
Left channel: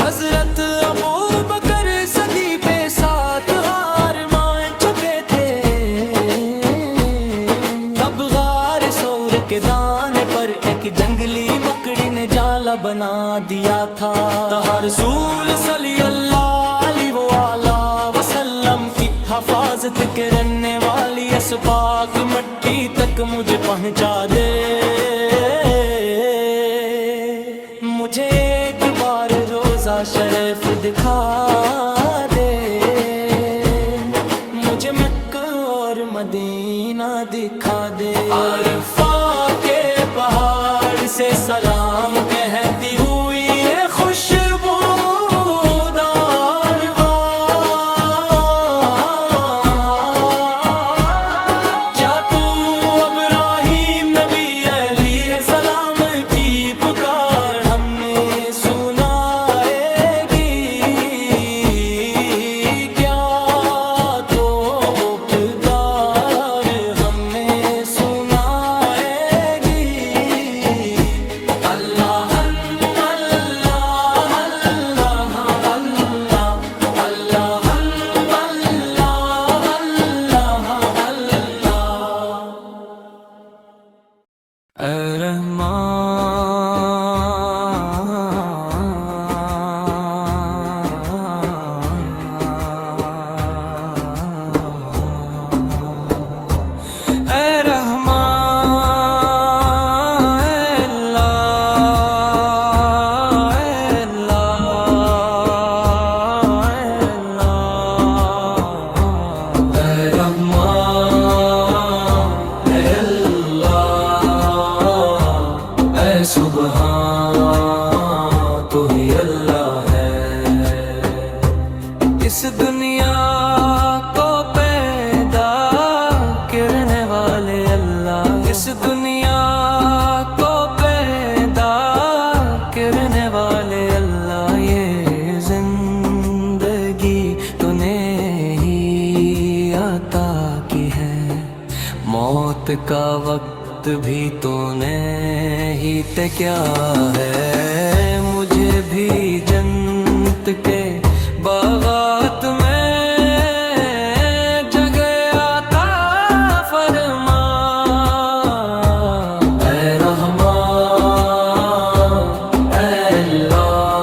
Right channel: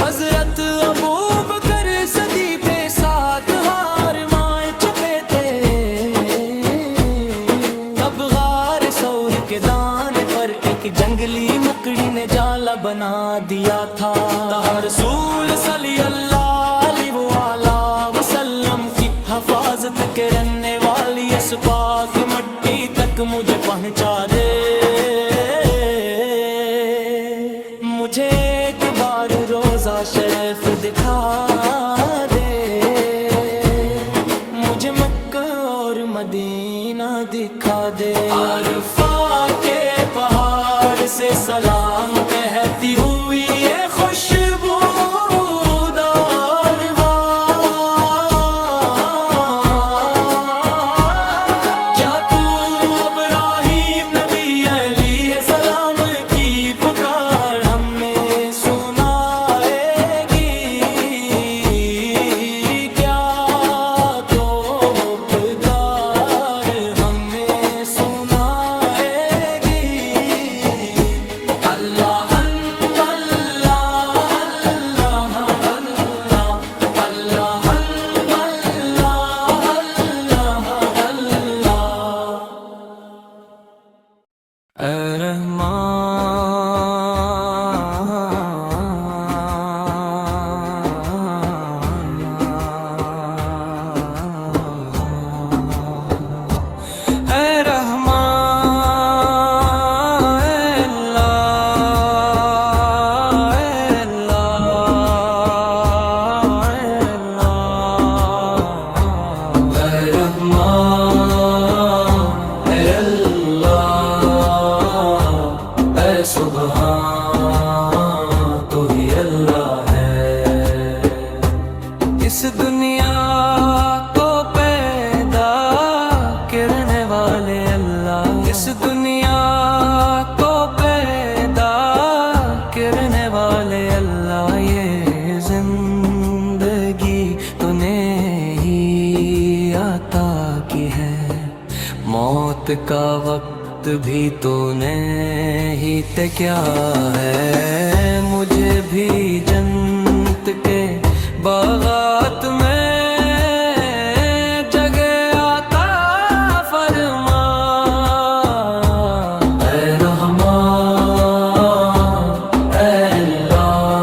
حضرت ابوبکر صدیق پہ ساتھ ہار مائے چھپے تھے، تب غار ثور کے دانے پر ایک جنگلی مکڑی نے جالا بنا دیا تھا، رسول صلی اللہ علیہ وآلہ وسلم کی حفاظت کرنے والی اس پاک مٹی تک مجھے پہنچا دے، مجھے ایک بار روزہ شریف دکھا دے، مجھے مکہ اور مدینہ دکھا دے، عرفہ کے پہاڑ سے سلام کہتی ہوئی یہ خوشبودار کیا تو ابراہیم نبی علیہ السلام کی پکار ہمیں سنائے گی، کیا تو وہ پکار ہمیں سنائے گی، اللہ اللہ اللہ اللہ اللہ اللہ اللہ اے سبحان تو ہی اللہ ہے، اس دنیا کو پیدا کرنے والے اللہ، اس دنیا کو پیدا کرنے والے اللہ، یہ زندگی تو نے ہی عطا کی ہے، موت کا وقت بھی تو نے ہی تے کیا ہے، مجھے بھی جنت کے باغات میں جگہ عطا فرما، اے رحمان اے اللہ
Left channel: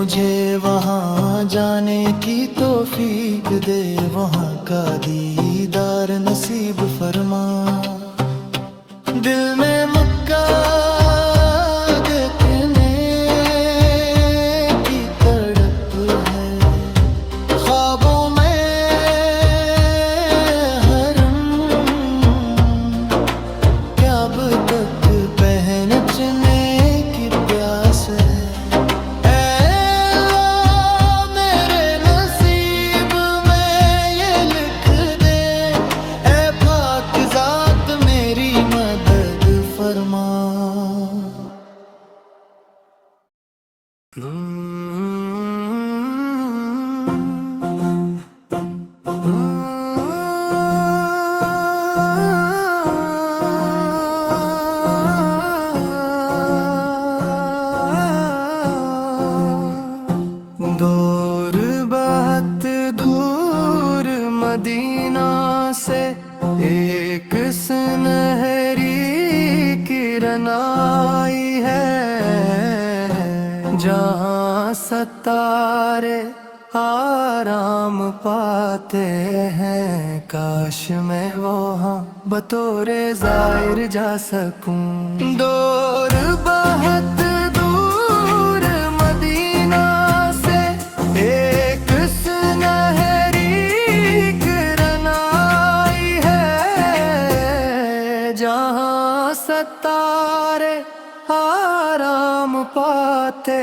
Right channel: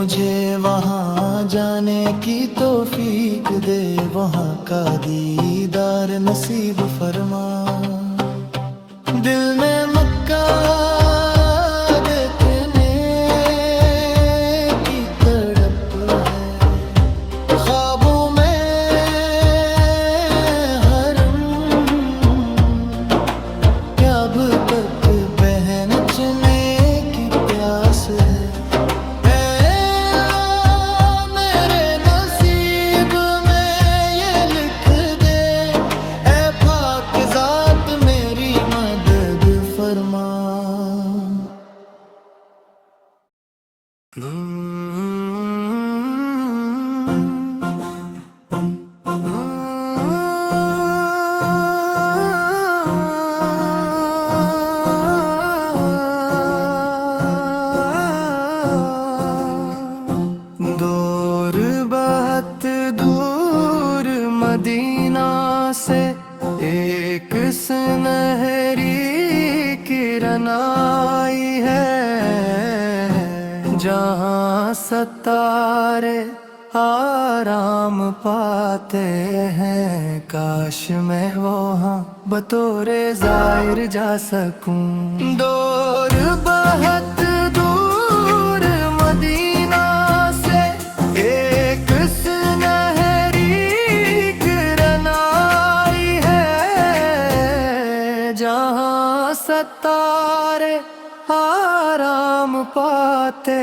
مجھے وہاں جانے کی توفیق دے، وہاں کا دیدار نصیب فرما۔ دل میں مکہ دیکھنے کی تڑپ ہے، خوابوں میں حرم کیا اب تک پہنچنے کی پیاس ہے۔ فرما دور بہت دور مدینہ سے ایک سنہری کرن آئی ہے، جہاں ستارے آرام پاتے ہیں، کاش میں وہاں بطور زائر جا سکوں۔ دور بہت دور مدینہ سے ایک سنہری کرن آئی ہے، جہاں ستارے آرام پاتے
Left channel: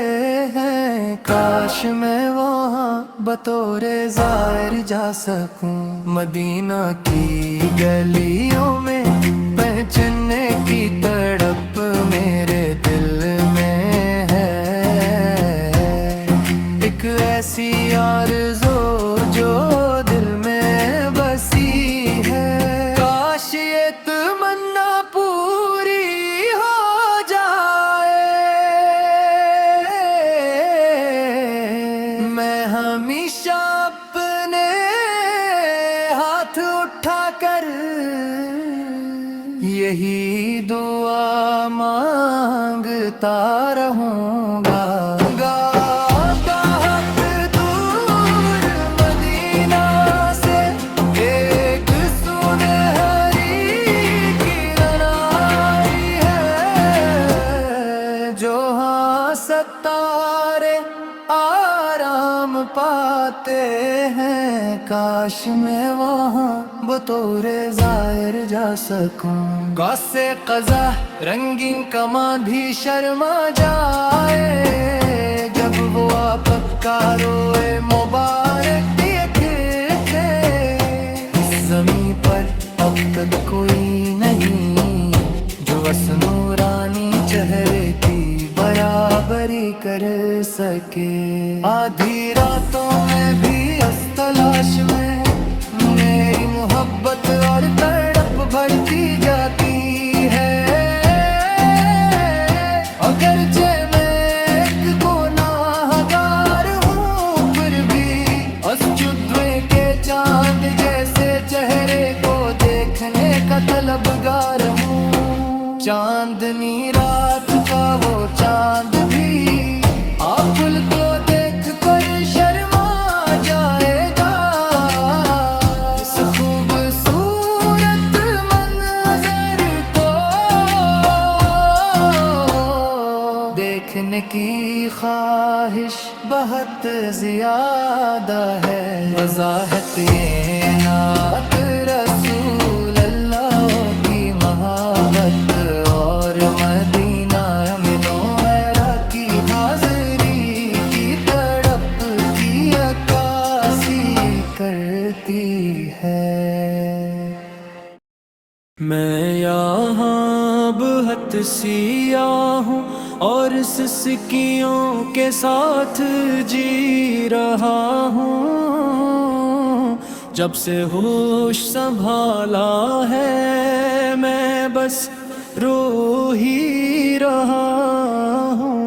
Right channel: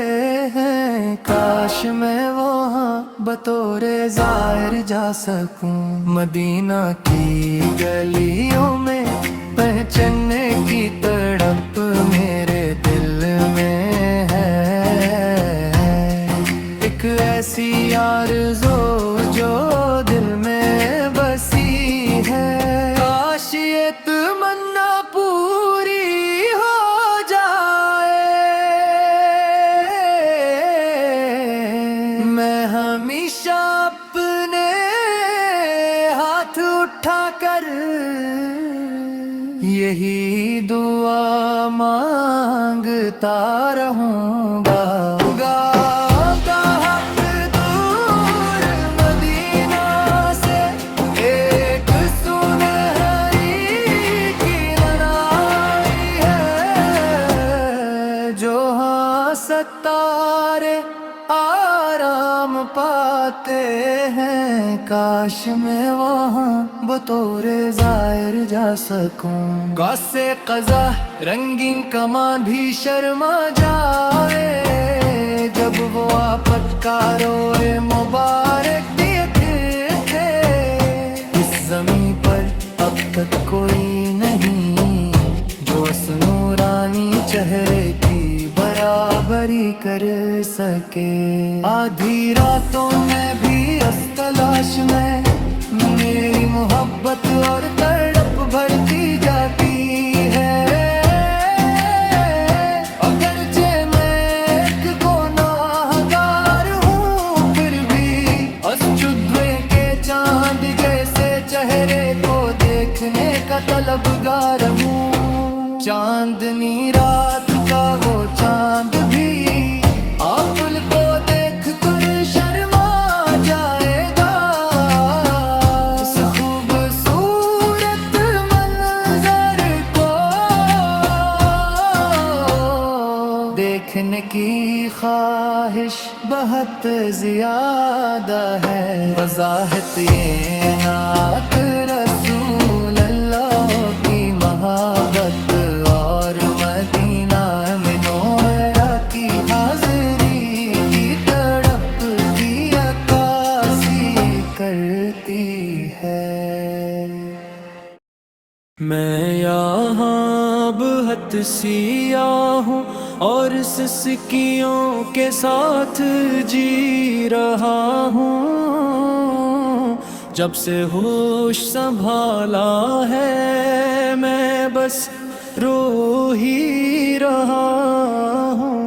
ہیں، کاش میں وہاں بطور زائر جا سکوں۔ مدینہ کی گلیوں میں پہچننے کی تڑپ میرے دل میں ہے، ایک ایسی آرزو جو دل میں بسی ہے، کاش یہ تمنا پوری ہو جائے، میں ہمیشہ اپنے ہاتھ اٹھا کر یہی دعا مانگتا رہوں گا۔ ستارے آرام پاتے ہیں، کاش میں وہاں بطور زائر جا سکوں۔ غصے قضا رنگین کمان بھی شرما جائے، جب وہ آفت کا روئے مبارک دیکھتے، اس زمین پر اب تک کوئی نہیں جو اس نورانی چہرے کی برابری کر سکے۔ آدھی راتوں میں بھی اس تلاش میں میری محبت اور تڑپ بڑھتی جاتی ہے، اگرچہ میں ایک گناہگار ہوں، پھر بھی اس چودھویں کے چاند جیسے چہرے کو دیکھنے کا طلبگار ہوں۔ چاندنی رات کا وہ چاند بھی آفل کو دیکھ کر شرما جائے گا، اس خوبصورت منظر کو دیکھنے کی خواہش بہت زیادہ ہے۔ وضاحت یہ نعت رسول اللہ کی محبت اور مدینہ منورہ کی حاضری کی تڑپ کی عکاسی کرتی ہے۔ میں یہاں بہت سیاہ ہوں اور سسکیوں کے ساتھ جی رہا ہوں، جب سے ہوش سنبھالا ہے میں بس رو ہی رہا ہوں۔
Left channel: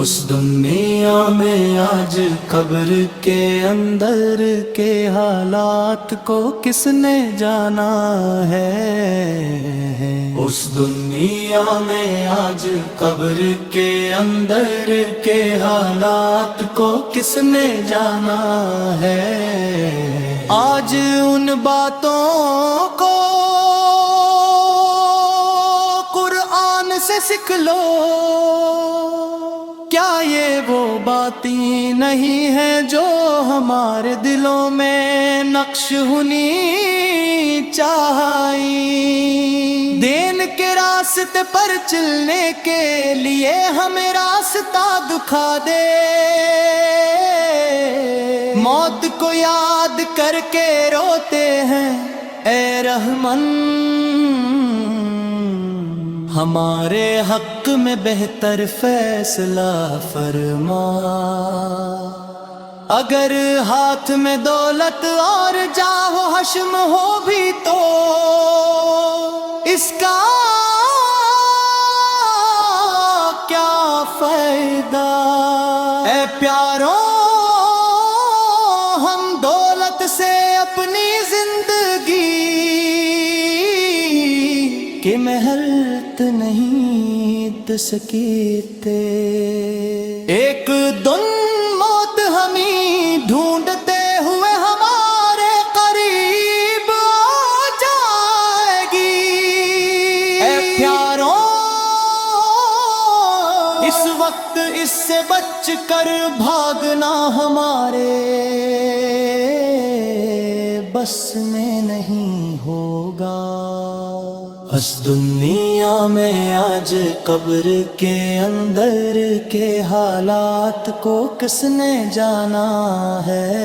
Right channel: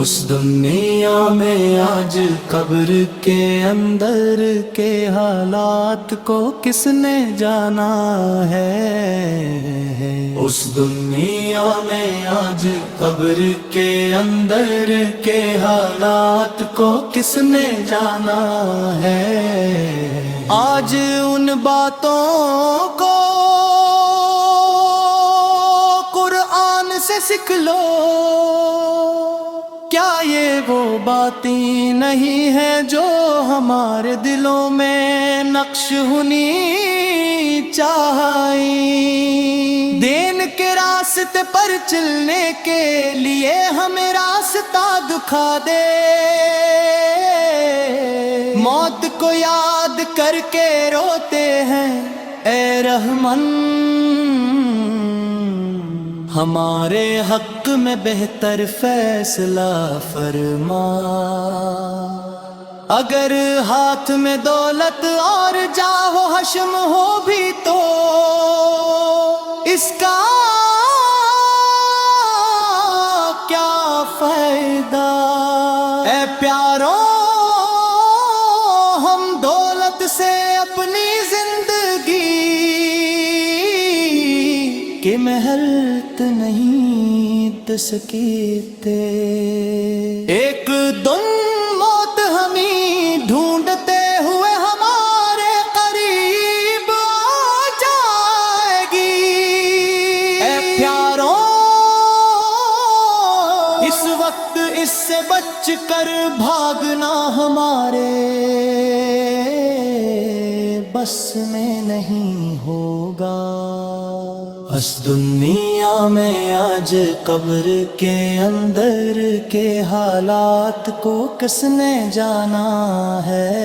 اس دنیا میں آج قبر کے اندر کے حالات کو کس نے جانا ہے؟ اس دنیا میں آج قبر کے اندر کے حالات کو کس نے جانا ہے؟ آج ان باتوں کو قرآن سے سیکھ لو، کیا یہ وہ باتیں نہیں ہیں جو ہمارے دلوں میں نقش ہونی چاہئیں؟ دین کے راستے پر چلنے کے لیے ہمیں راستہ دکھا دے، موت کو یاد کر کے روتے ہیں اے رحمن، ہمارے حق میں بہتر فیصلہ فرما۔ اگر ہاتھ میں دولت اور جاہ و حشم ہو بھی تو اس کا کیا فائدہ؟ اے پیاروں، ہم دولت سے اپنی زندگی کہ محلت نہیں دے سکتے، ایک دن موت ہمیں ڈھونڈتے ہوئے ہمارے قریب آ جائے گی۔ اے پیاروں، اس وقت اس سے بچ کر بھاگنا ہمارے بس میں نہیں ہوگا۔ اس دنیا میں آج قبر کے اندر کے حالات کو کس نے جانا ہے؟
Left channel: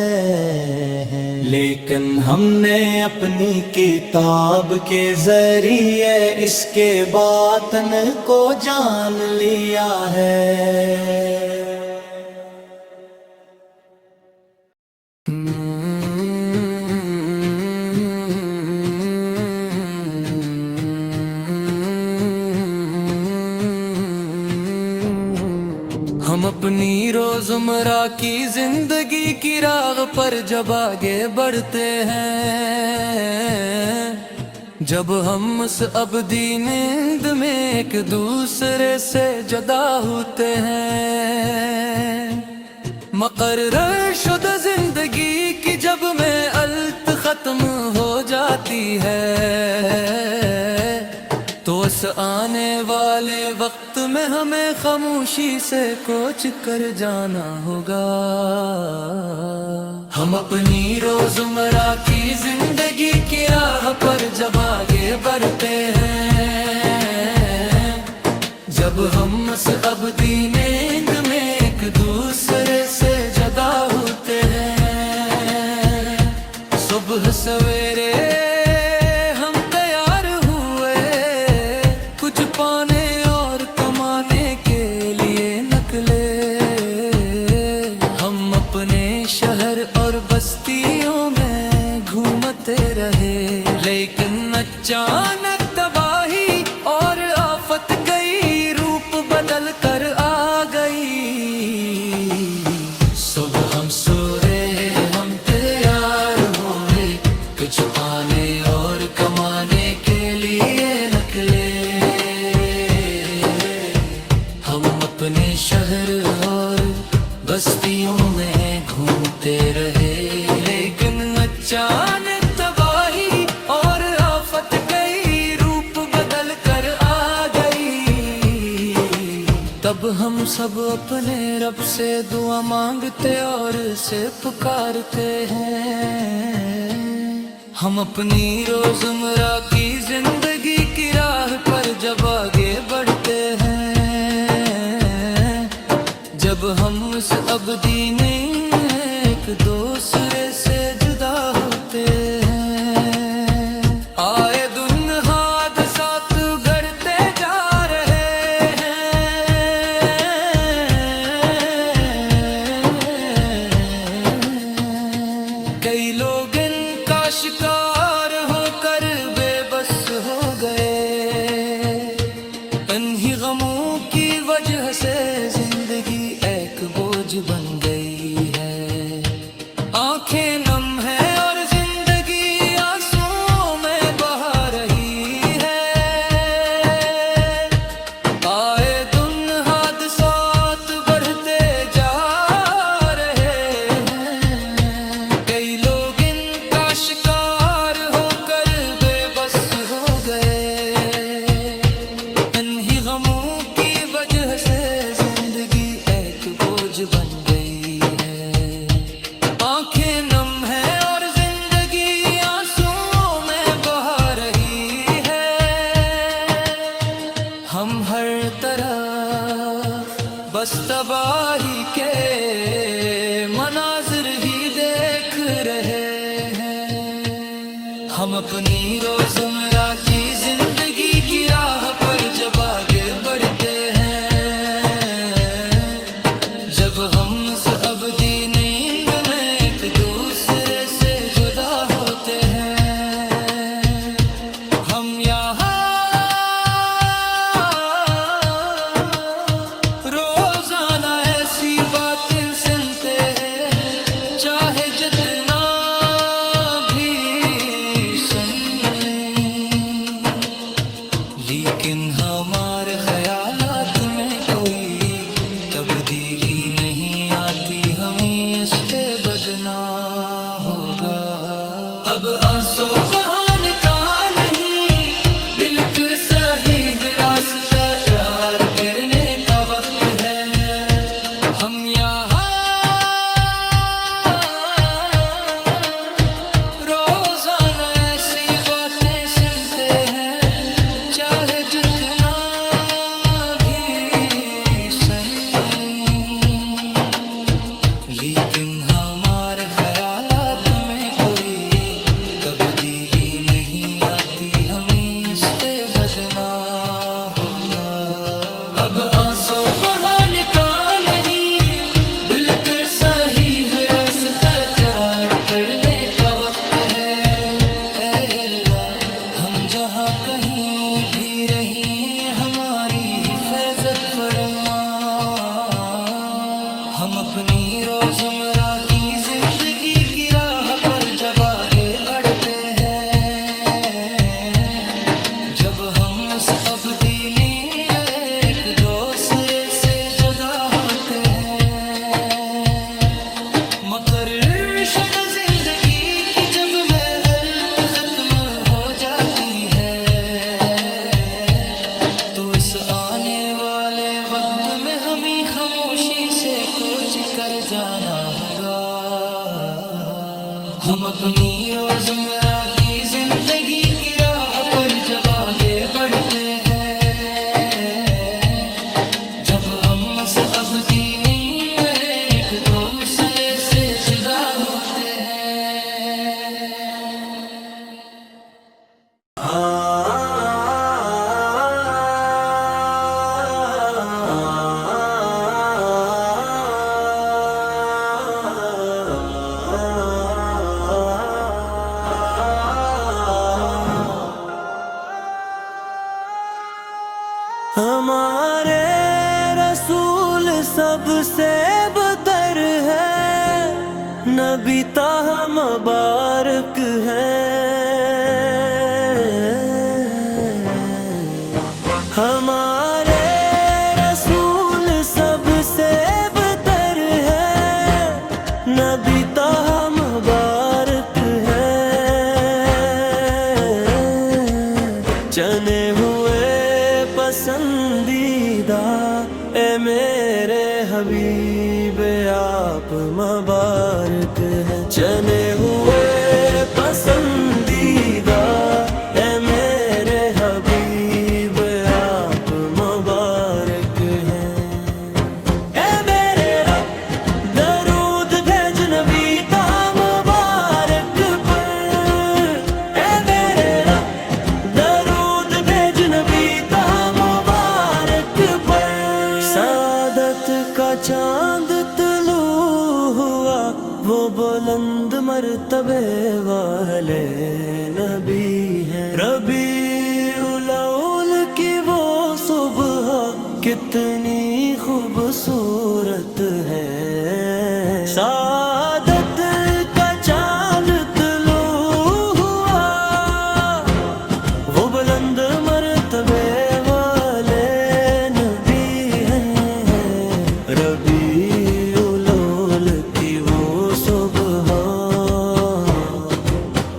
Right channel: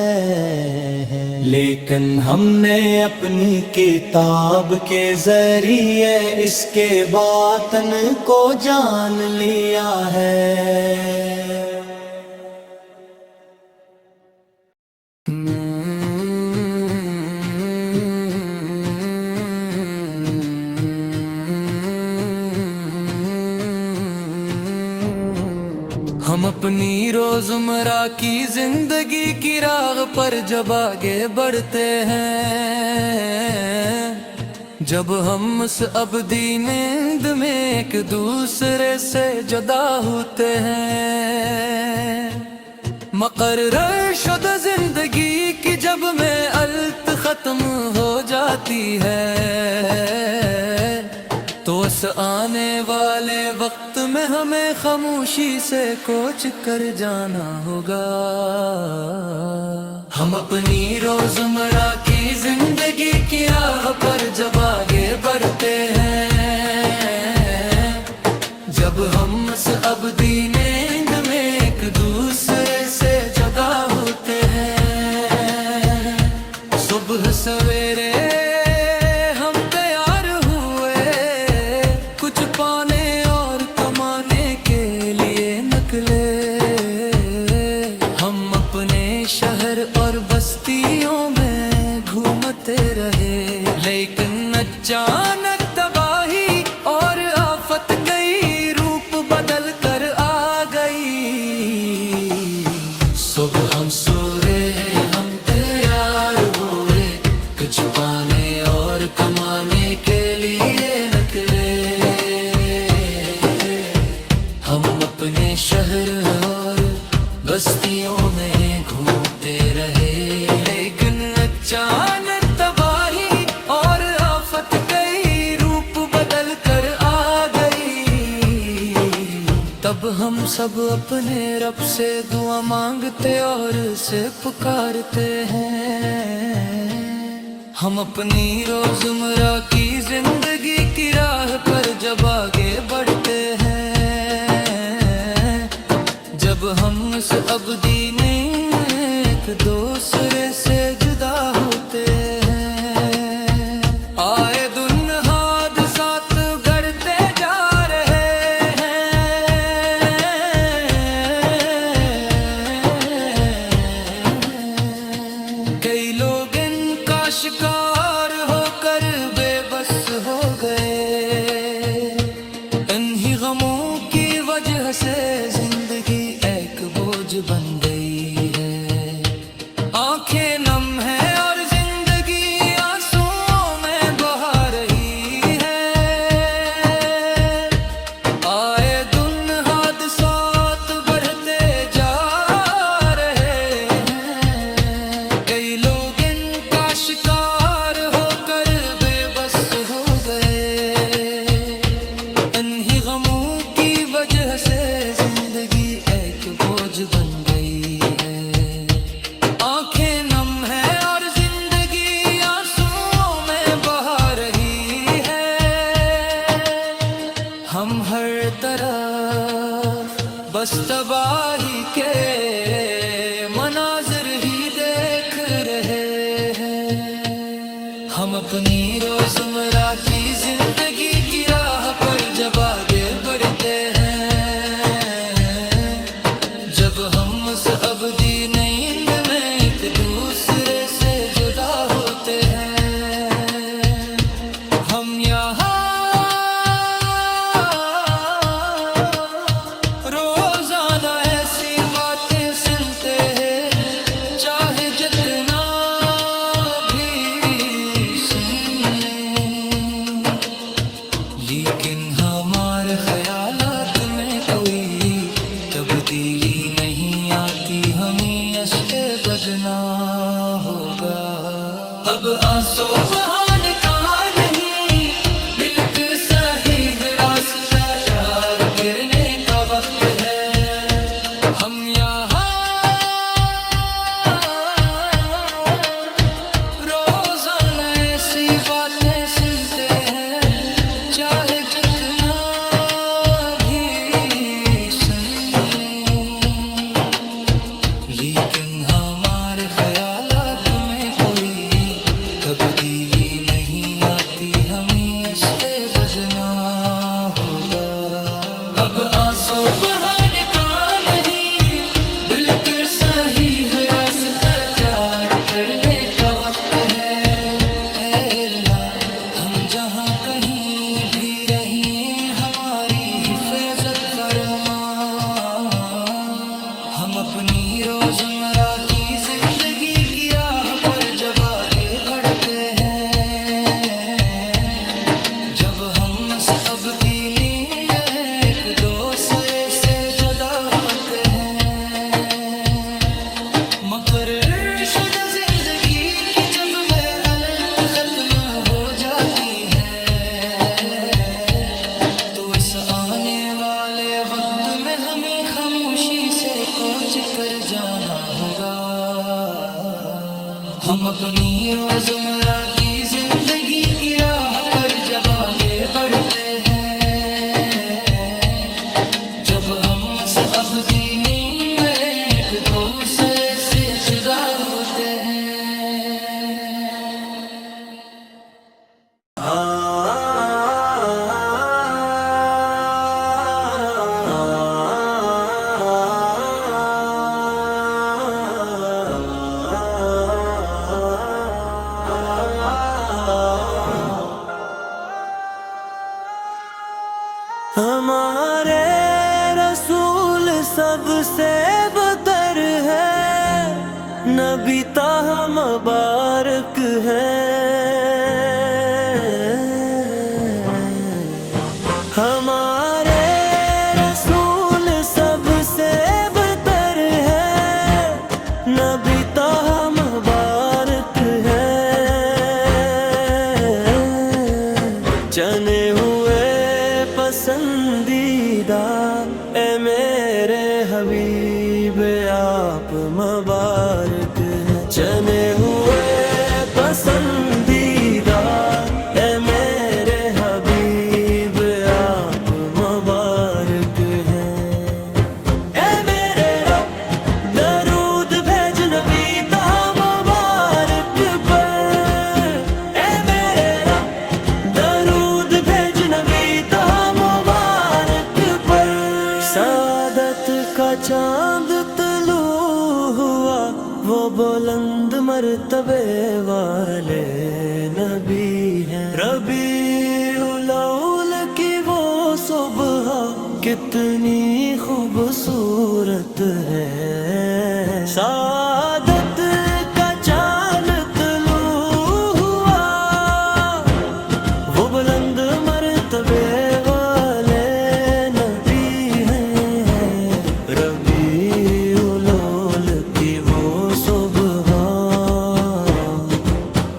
لیکن ہم نے اپنی کتاب کے ذریعے اس کے باطن کو جان لیا ہے۔ ہم اپنی روزمرہ کی زندگی کی راہ پر جب آگے بڑھتے ہیں، جب ہم اس ابدی نیند میں ایک دوسرے سے جدا ہوتے ہیں، مقرر شدہ زندگی کی جب میں الت ختم ہو جاتی ہے، تو اس آنے والے وقت میں ہمیں خاموشی سے کوچ کر جانا ہوگا۔ ہم اپنی روزمرہ کی زندگی کی راہ پر جب آگے بڑھتے ہیں، جب ہم اس ابدی نیند میں ایک دوسرے سے جدا ہوتے ہیں، صبح سویرے پانے اور کمانے کے لیے نکلے، ہم اپنے شہر اور بستیوں میں گھومتے رہے، لیکن اچانک تباہی اور آفت کئی روپ بدل کر آ گئی۔ صبح ہم سورے، ہم تیار ہوئے، کچھ پانے اور کمانے کے لیے نکلے، ہم اپنے شہر اور بستیوں میں گھومتے رہے، لیکن اچانک تباہی اور آفت کئی روپ بدل کر آ گئی۔ تب ہم سب اپنے رب سے دعا مانگتے اور اسے پکارتے ہیں۔ ہم اپنی روزمرہ کی زندگی کی راہ پر جب آگے بڑھتے ہیں، جب ہم اس ابدی نہیں ایک دوسرے سے جدا ہوتے ہیں، آئے دن حادثات گھڑتے جا رہے ہیں، کئی لوگ ان کا شکار ہو کر بے بس ہو گئے، انہی غموں کی وجہ سے زندگی ایک بوجھ بن گئی ہے، آنکھیں نم ہیں اور زندگی آنسوؤں میں بہا رہی ہے، آئے دن حادثات بڑھتے جا رہے ہیں، کئی لوگ ان کا شکار ہو کر بے بس ہو گئے، انہی غموں کی وجہ سے زندگی ایک بوجھ بن گئی ہے، آنکھیں نم ہے اور زندگی آنسوؤں میں بہا رہی ہے، ہم ہر طرف بس تباہی کے مناظر ہی دیکھ رہے ہیں، ہم اپنی روزمرہ کی زندگی کی راہ پر جب آگے بڑھتے ہیں، جب ہم اس ابدی نیند میں ایک دوسرے سے جدا ہوتے ہیں، ہم یہاں روزانہ ایسی باتیں سنتے ہیں، چاہے جتنا بھی سن لیں، لیکن ہمارے خیالات میں کوئی تبدیلی نہیں آتی، ہمیں اس سے بدنا ہوگا، اب آنسو بہانے کا نہیں، دل کے صحیح راستہ پیار کرنے کا وقت ہے، ہم یہاں روزانہ ایسی باتیں سنتے ہیں، چاہے جتنا بھی سن لیں، لیکن ہمارے خیالات میں کوئی تبدیلی نہیں آتی، ہمیں اس سے بدنا ہوگا، اب آنسو بہانے کا نہیں، بالکل صحیح راستہ تیار کرنے کا وقت ہے، اے اللہ ہم جہاں کہیں بھی رہیں ہماری حفاظت فرما، ہم اپنی روزمرہ کی زندگی کی راہ پر جب آگے بڑھتے ہیں، جب ہم اس ابدی ایک دوسرے سے جدا ہوتے ہیں، مقرر شدہ زندگی کی جب میعاد ختم ہو جاتی ہے، تو اس آنے والے وقت میں ہمیں خاموشی سے کوچ کر جانا ہوگا، ہم اپنی روزمرہ کی زندگی کی راہ پر جب آگے بڑھتے ہیں، جب ہم اس ابدی نیند میں ایک دوسرے سے جدا ہوتے ہیں، ہمارے رسول سب سے بہتر ہے، نبی طہ مبارک ہے، ہمارے رسول سب سے بہتر ہے، نبی طہ مبارک ہے، چنے ہوئے پسندیدہ اے میرے حبیب آپ مبارک ہیں، چنے ہوئے پسندیدہ اے میرے حبیب آپ مبارک ہیں، اے میرے رب درود بھیج نبی طہ مبارک پر، اے میرے رب درود بھیج نبی طہ مبارک پر، سعادت کا چاند طلوع ہوا وہ بلند مرتبے والے نبی ہیں، ربیع الاول کی وہ وہ صبح کتنی خوبصورت ہے، سعادت کا چاند طلوع ہوا، وہ بلند مرتبے والے نبی ہیں، ربیع الاول کی وہ صبح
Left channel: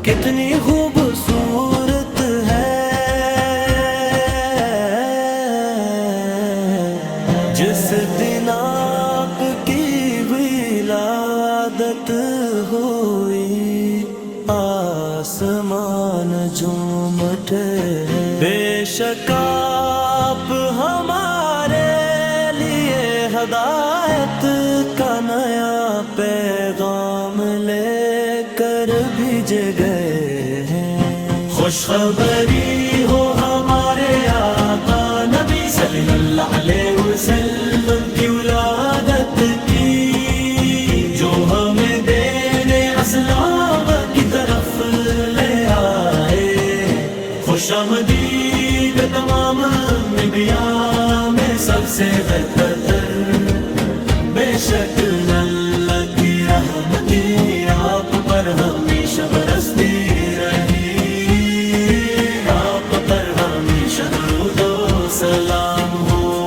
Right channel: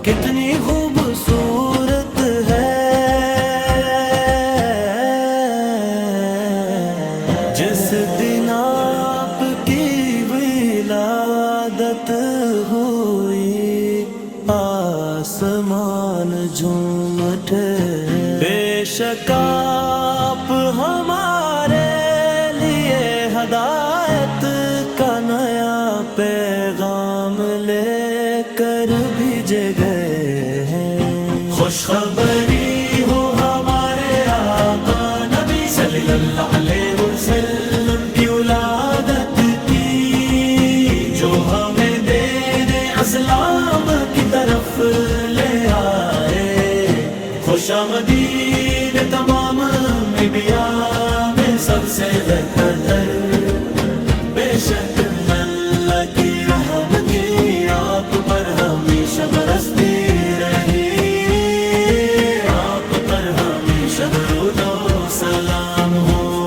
کتنی خوبصورت ہے، جس دن آپ کی ولادت ہوئی آسمان جھوم اٹھے، بے شک آپ ہمارے لیے ہدایت کا نیا پیغام لے کر بھیجے گئے ہیں، خوشخبری ہو ہمارے آقا نبی صلی اللہ علیہ وسلم کی ولادت کی، جو ہمیں دینے اسلام کی طرف لے آئے، خوش آمدید تمام انبیاء میں سب سے بہتر، بے شک اللہ کی رحمتی آپ پر ہمیشہ برستی رہی، آپ پر ہمیشہ درود و سلام ہو۔